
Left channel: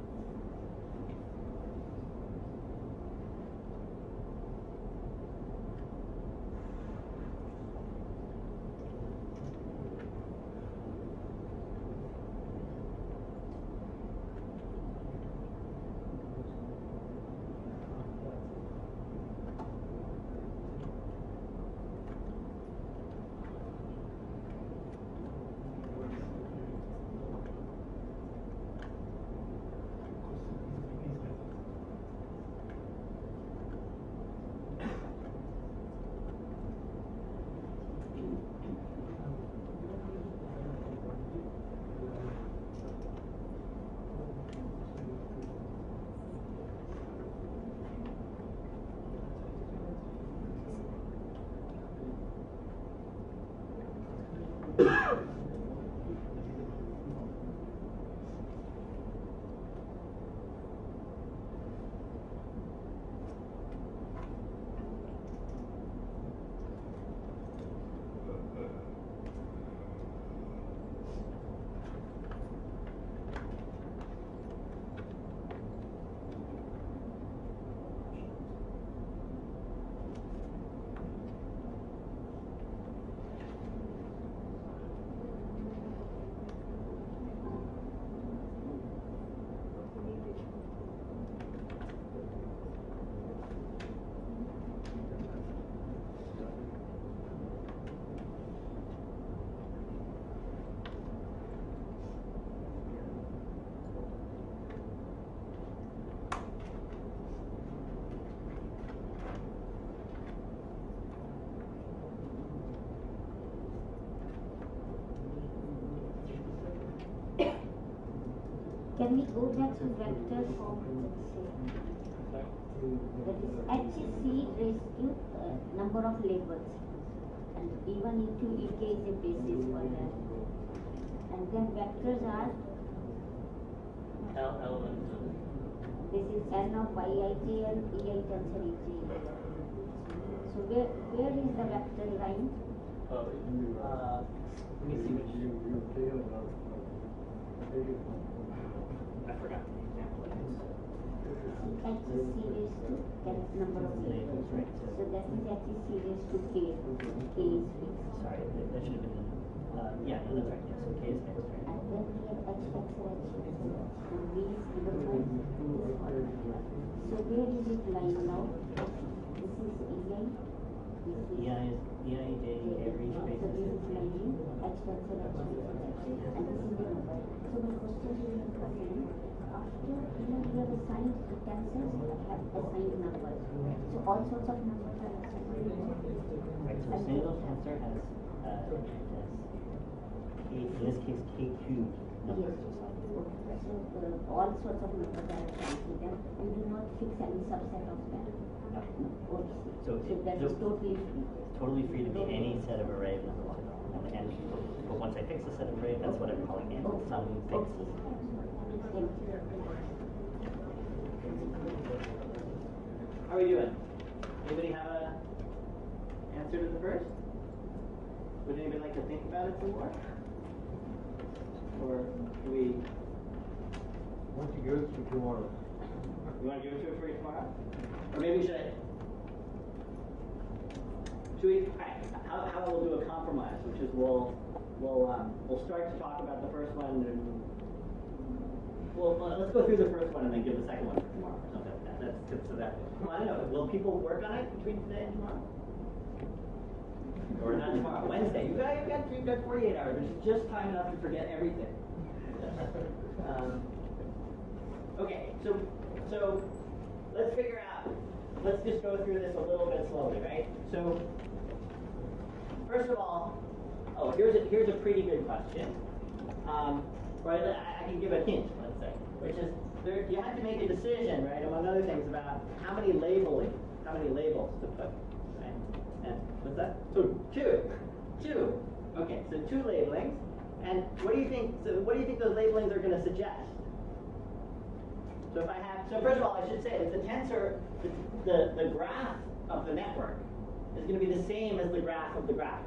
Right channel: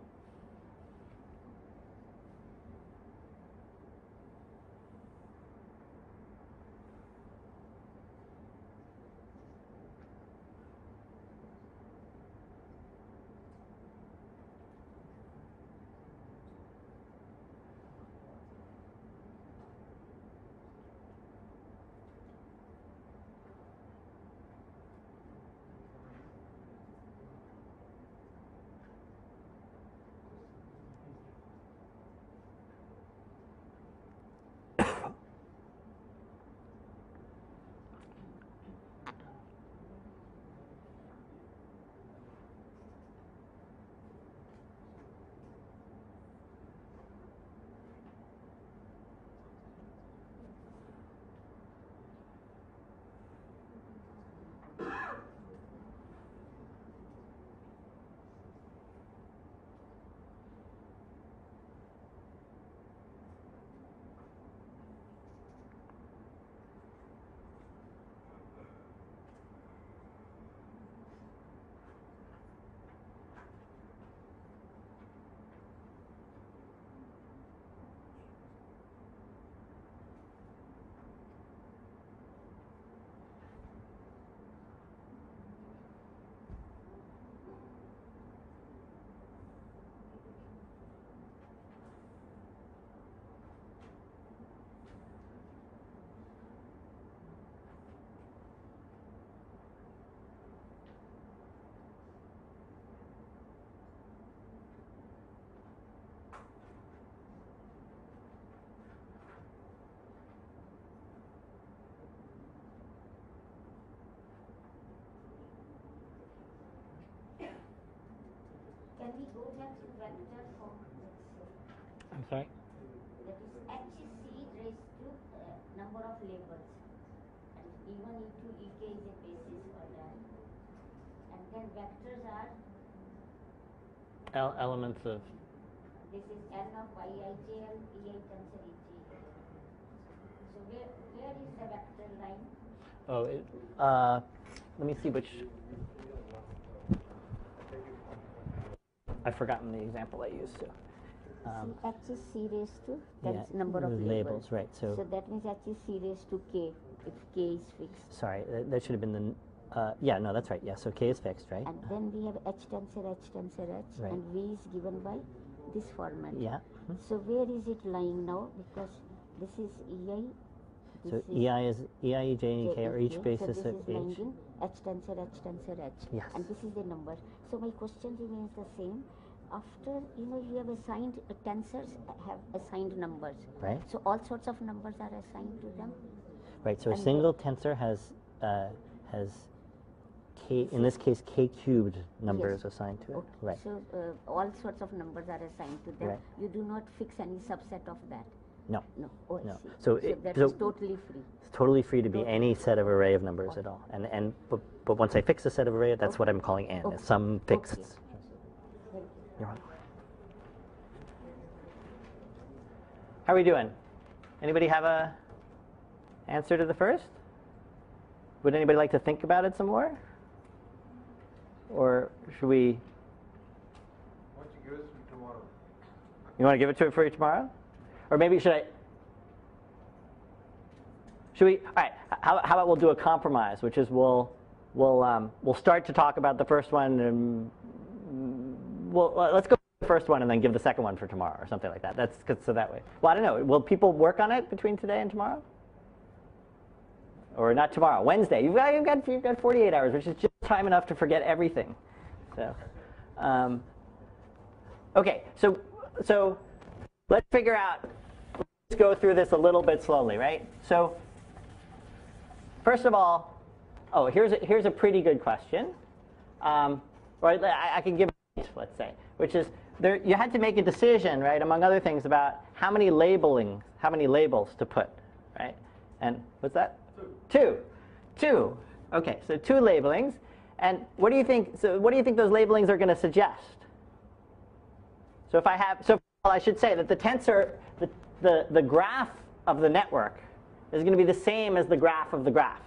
Can we go back to vector form? I'm sorry? That is h is c raised to number of labels, and even into ek is a basis for that. And then vectors are Elements of. this is n of yij and ei tensor ej. So where is the vector line? Oh, let me see which. I've forgotten the example I used. H is c raised to, that is number of labels. Right, so that means h is c raised to k. K is fixed. sorry, that should have been the. Yeah, no, that's right. Yeah, so k is fixed, right? And then we have h tensor, Right. and v is given by this format. Yeah. So where is it lying now? This is ei. So ei, ej, and k are each basis so of this is each. lying h tensor, h. Yes. And this is the number. So my question here is the same. After you have assigned the tensors have assigned numbers. Right. So all sorts of numbers are assigned to them. Right. So a single tensor has k. In this case, k cubed numbers Yes. assigned to it. Okay. Right. So all sorts of numbers are assigned to them. Right. You do not fix any subset of them. No. No. Oh, I No. see. So that so is totally free. it's totally free to be any set of array of numbers at all. But once I fix a set of array, that's what I'm calling n. Okay. Some fixed. Okay. Thank you. How are we doing? Anybody have a answer to the first? Would anybody like to think about it some more? Or should we? once you give it to tomorrow. You want to give it to it for you tomorrow? Or maybe should I? Should we? All right. How about we'll do a compromise, which is we'll start to talk about the first one, and let's go through the first one and then give the second one for tomorrow or something like that. That's good, so that way. Well, I don't know. Will people work on it between today and tomorrow? Or not tomorrow? Wednesday. You've got 48 hours, which is just time enough to forget everything. So, okay. So let's figure out. Let's just go through this a little bit slowly, right? So first of all, here's a pretty good question. Or I can give a hint, let's say, which is you had to make a decision, right, among other things, about how many labels to put right? And what's that? 2. 2. 2. Okay, so 2 labelings. And what do you think? So what do you think those labelings are going to suggest? So if I have, so first of all, I should say that the tensor, the graph of the network is going to be the same as the graph of the graph.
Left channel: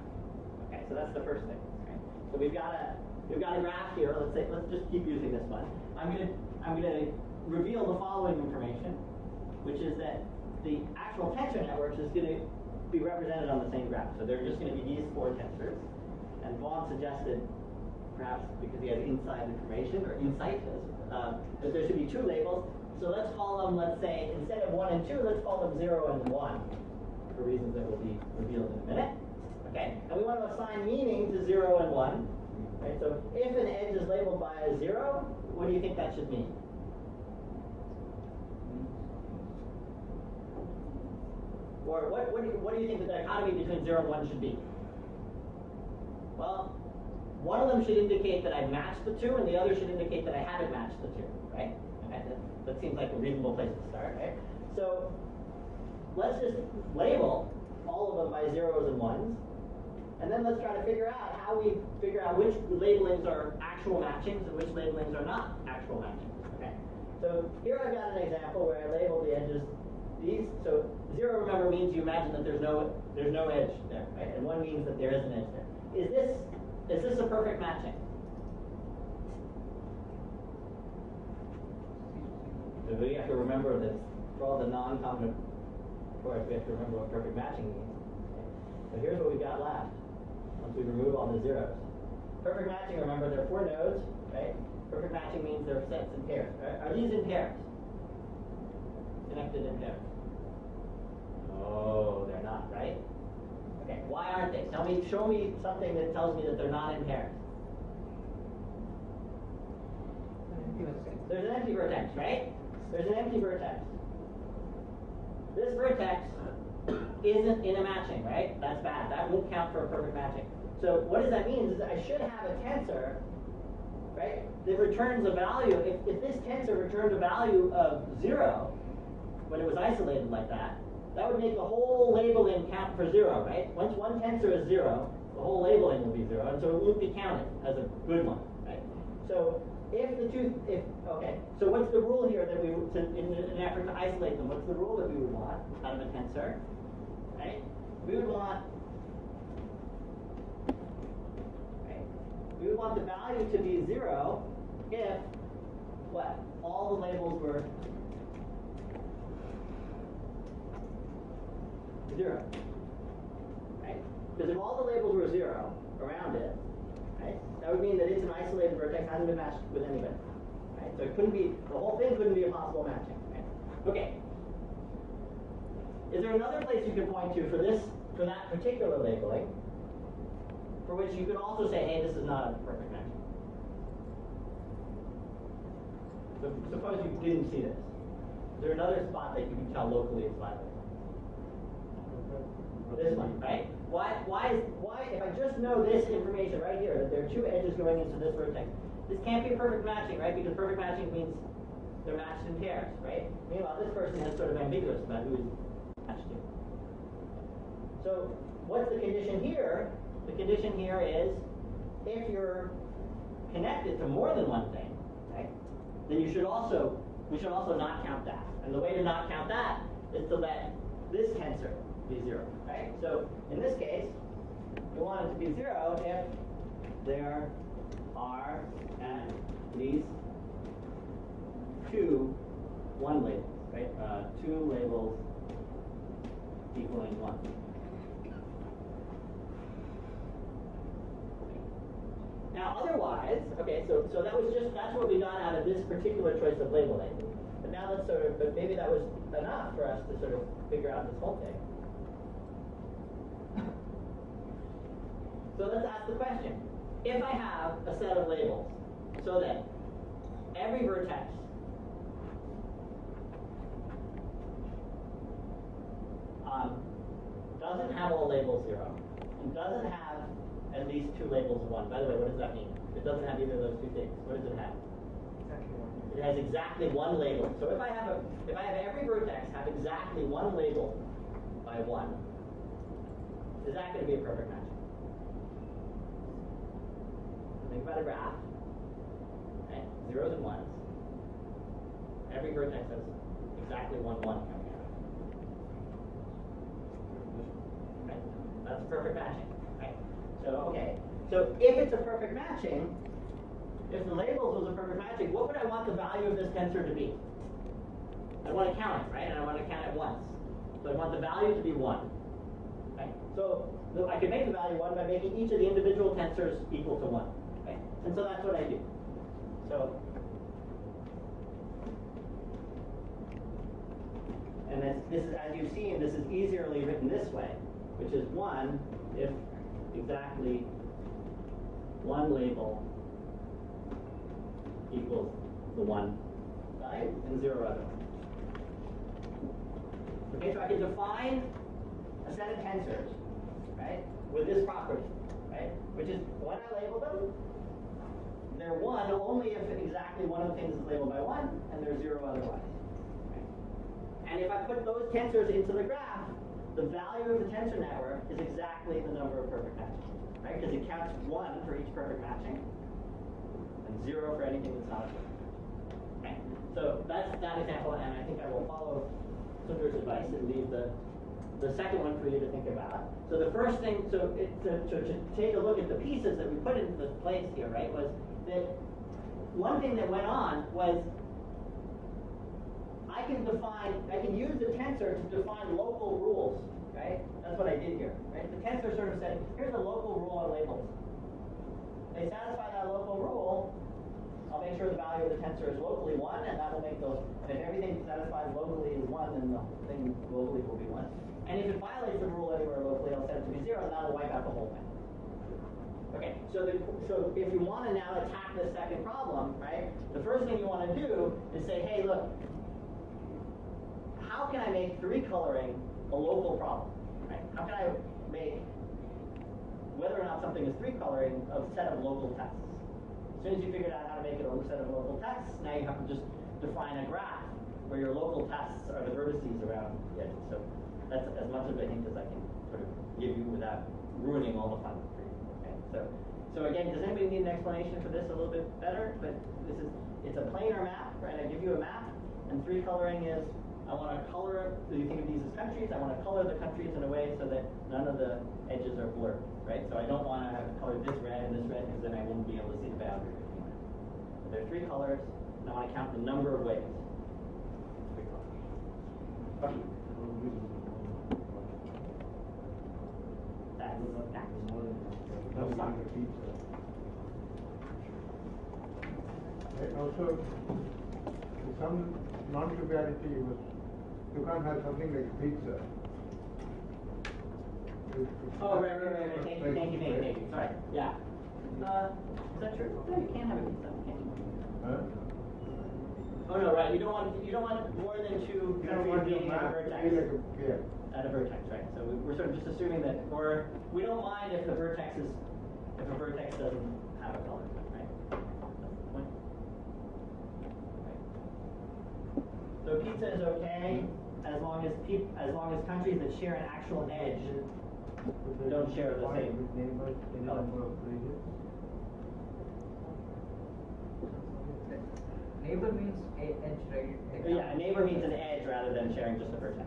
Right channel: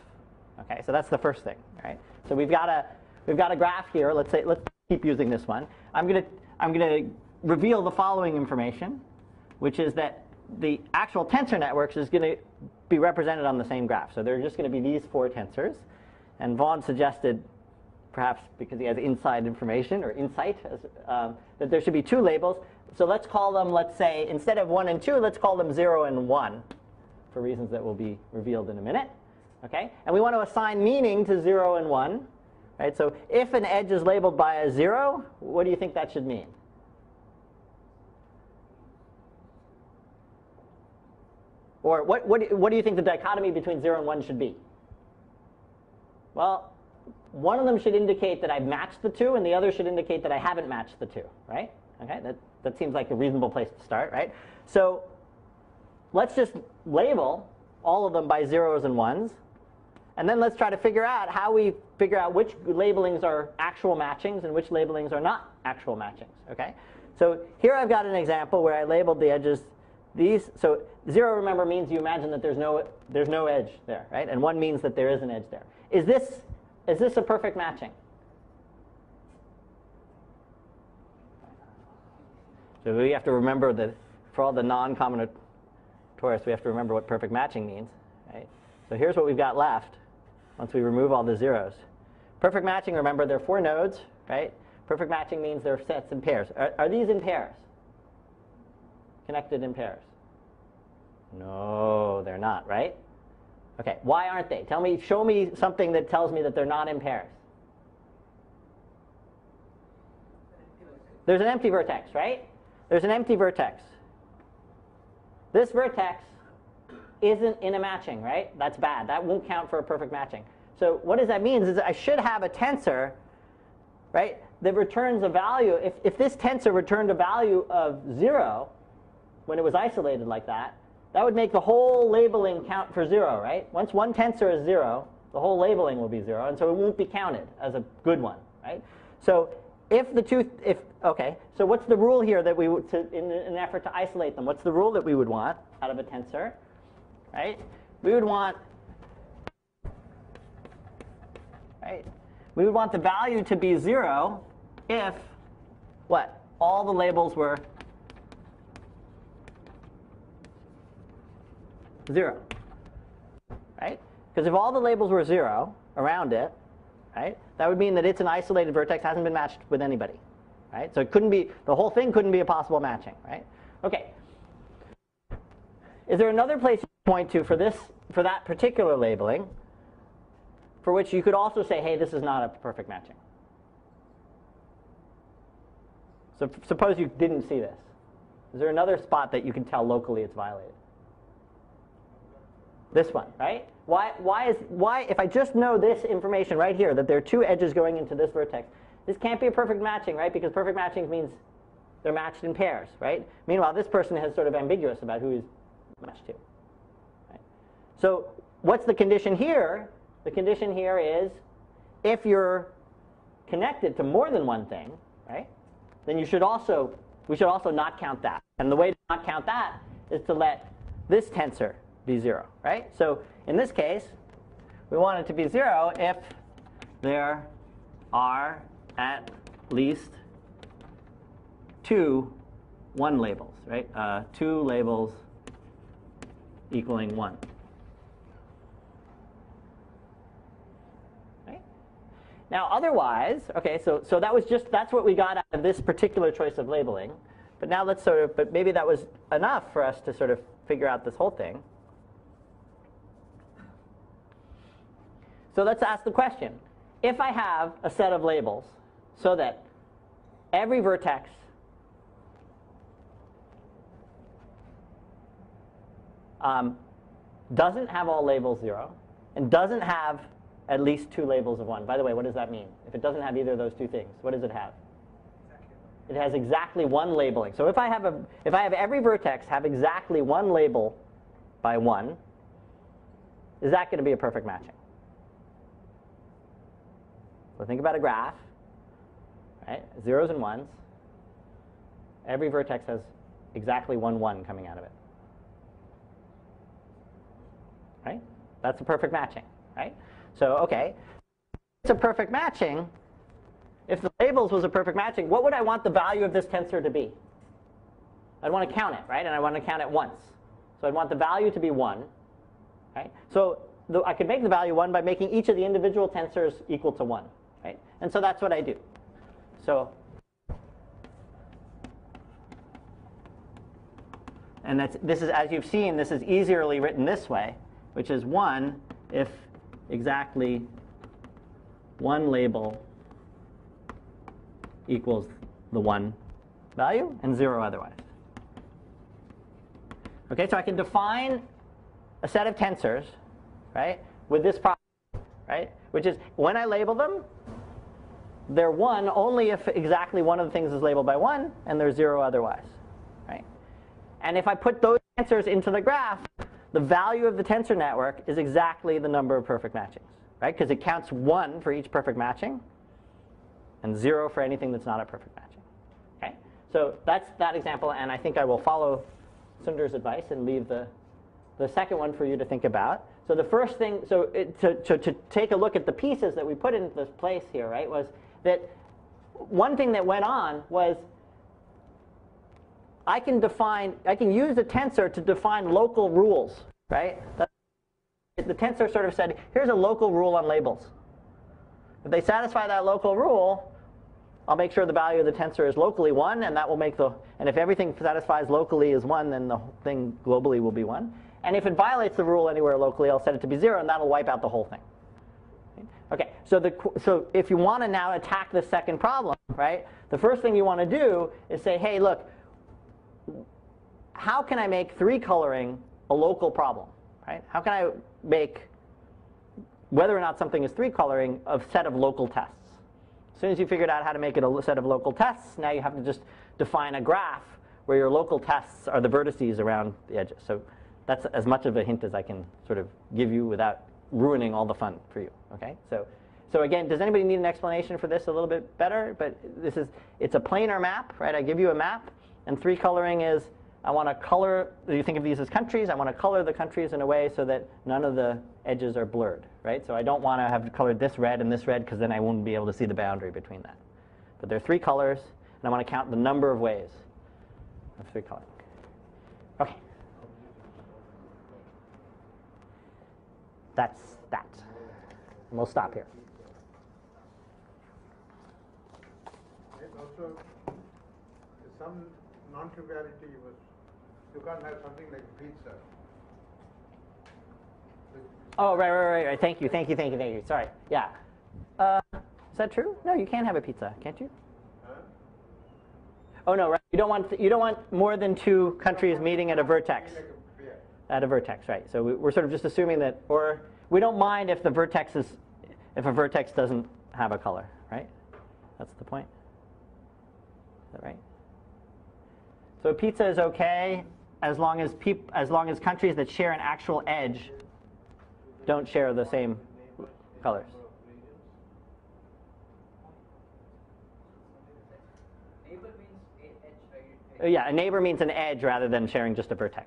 Okay, so that's the first thing, right? So we've got a graph here. Let's just keep using this one. I'm going to reveal the following information, which is that the actual tensor networks is going to be represented on the same graph. So they're just going to be these 4 tensors. And Vaughan suggested, perhaps because he has inside information or insight, that there should be 2 labels. So let's call them, let's say, instead of 1 and 2, let's call them 0 and 1, for reasons that will be revealed in a minute. Okay? And we want to assign meaning to 0 and 1. Right? So if an edge is labeled by a 0, what do you think that should mean? Or what do you think the dichotomy between 0 and 1 should be? Well, one of them should indicate that I've matched the 2, and the other should indicate that I haven't matched the 2, right? Okay, that seems like a reasonable place to start, right? So let's just label all of them by 0s and 1s, and then let's try to figure out how we figure out which labelings are actual matchings and which labelings are not actual matchings, okay? So here I've got an example where I labeled the edges these. So 0, remember, means you imagine that there's no edge there, right? And 1 means that there is an edge there. Is this a perfect matching? So we have to remember that for all the non-combinatorics, we have to remember what perfect matching means. Right? So here's what we've got left once we remove all the zeros. Perfect matching, remember, there are 4 nodes, right? Perfect matching means there are sets in pairs. Are these in pairs? Connected in pairs? No, they're not, right? Okay, why aren't they? Show me something that tells me that they're not in pairs. There's an empty vertex, right? There's an empty vertex. This vertex isn't in a matching, right? That's bad. That won't count for a perfect matching. So what does that mean is that I should have a tensor, right, that returns a value. If this tensor returned a value of 0 when it was isolated like that, that would make the whole labeling count for 0, right? Once one tensor is 0, the whole labeling will be 0, and so it won't be counted as a good one, right? So so what's the rule here that we would, in an effort to isolate them? What's the rule that we would want out of a tensor, right? We would want the value to be 0 if what? All the labels were 0, right? Because if all the labels were 0 around it, right, that would mean that it's an isolated vertex, hasn't been matched with anybody, right? So it couldn't be, the whole thing couldn't be a possible matching, right? Okay. Is there another place you could point to for that particular labeling, for which you could also say, hey, this is not a perfect matching? So suppose you didn't see this. Is there another spot that you can tell locally it's violated? This one, right? Why, if I just know this information right here, that there are 2 edges going into this vertex, this can't be a perfect matching, right? Because perfect matching means they're matched in pairs, right? Meanwhile, this person is sort of ambiguous about who is matched to. Right? So what's the condition here? The condition here is if you're connected to more than one thing, right, then we should also not count that. And the way to not count that is to let this tensor be 0, right? So in this case, we want it to be 0 if there are at least 2 1 labels, right? 2 labels equaling 1. Right? Now otherwise, okay, so that's what we got out of this particular choice of labeling. But now but maybe that was enough for us to sort of figure out this whole thing. So let's ask the question. If I have a set of labels so that every vertex doesn't have all labels 0 and doesn't have at least 2 labels of 1. By the way, what does that mean? If it doesn't have either of those 2 things, what does it have? It has exactly 1 labeling. So if I have every vertex have exactly 1 label by 1, is that going to be a perfect matching? So think about a graph, right? Zeros and ones. Every vertex has exactly 1, 1 coming out of it. Right? That's a perfect matching, right? So, okay. So if it's a perfect matching, if the labels was a perfect matching, what would I want the value of this tensor to be? I'd want to count it, right? And I want to count it once. So I'd want the value to be 1. Right? So I could make the value 1 by making each of the individual tensors equal to 1. Right? And so that's what I do. So, and this is, as you've seen, this is easily written this way, which is 1 if exactly one label equals the 1 value and 0 otherwise. Okay, so I can define a set of tensors, right, with this property, right, which is when I label them, they're 1 only if exactly one of the things is labeled by 1, and they're 0 otherwise, right? And if I put those tensors into the graph, the value of the tensor network is exactly the number of perfect matchings, right? Because it counts 1 for each perfect matching, and 0 for anything that's not a perfect matching. Okay, so that's that example, and I think I will follow Sundar's advice and leave the second one for you to think about. So the first thing, to take a look at the pieces that we put into this place here, right, was that one thing that went on was I can use the tensor to define local rules, right? That's what I did here. Right? The tensor sort of said, here's a local rule on labels. If they satisfy that local rule, I'll make sure the value of the tensor is locally 1, and that will make and if everything satisfies locally is 1, then the thing globally will be 1. And if it violates the rule anywhere locally, I'll set it to be 0, and that'll wipe out the whole thing. Okay, so if you want to now attack the second problem, right, the first thing you want to do is say, hey, look, how can I make 3-coloring a local problem, right? How can I make whether or not something is 3-coloring a set of local tests? As soon as you figured out how to make it a set of local tests, now you have to just define a graph where your local tests are the vertices around the edges. So that's as much of a hint as I can sort of give you without ruining all the fun for you. Okay? So again, does anybody need an explanation for this a little bit better? But it's a planar map, right? I give you a map, and 3-coloring is I want to color, you think of these as countries, I want to color the countries in a way so that none of the edges are blurred, right? So I don't want to have colored this red and this red because then I won't be able to see the boundary between that. But there are 3 colors, and I want to count the number of ways of 3 colors. Okay. That's that. We'll stop here. Also, some non-triviality was you can't have something like pizza. Oh, right. Thank you. Sorry. Yeah. Is that true? No, you can have a pizza, can't you? Huh? Oh no, right. You don't want more than 2 countries meeting at a vertex. Yeah. At a vertex, right? So we're sort of just assuming that, or we don't mind if a vertex doesn't have a color, right? That's the point. Is that right? So pizza is okay as long as countries that share an actual edge don't share the same colors. Neighbor means edge, right? Yeah, a neighbor means an edge rather than sharing just a vertex.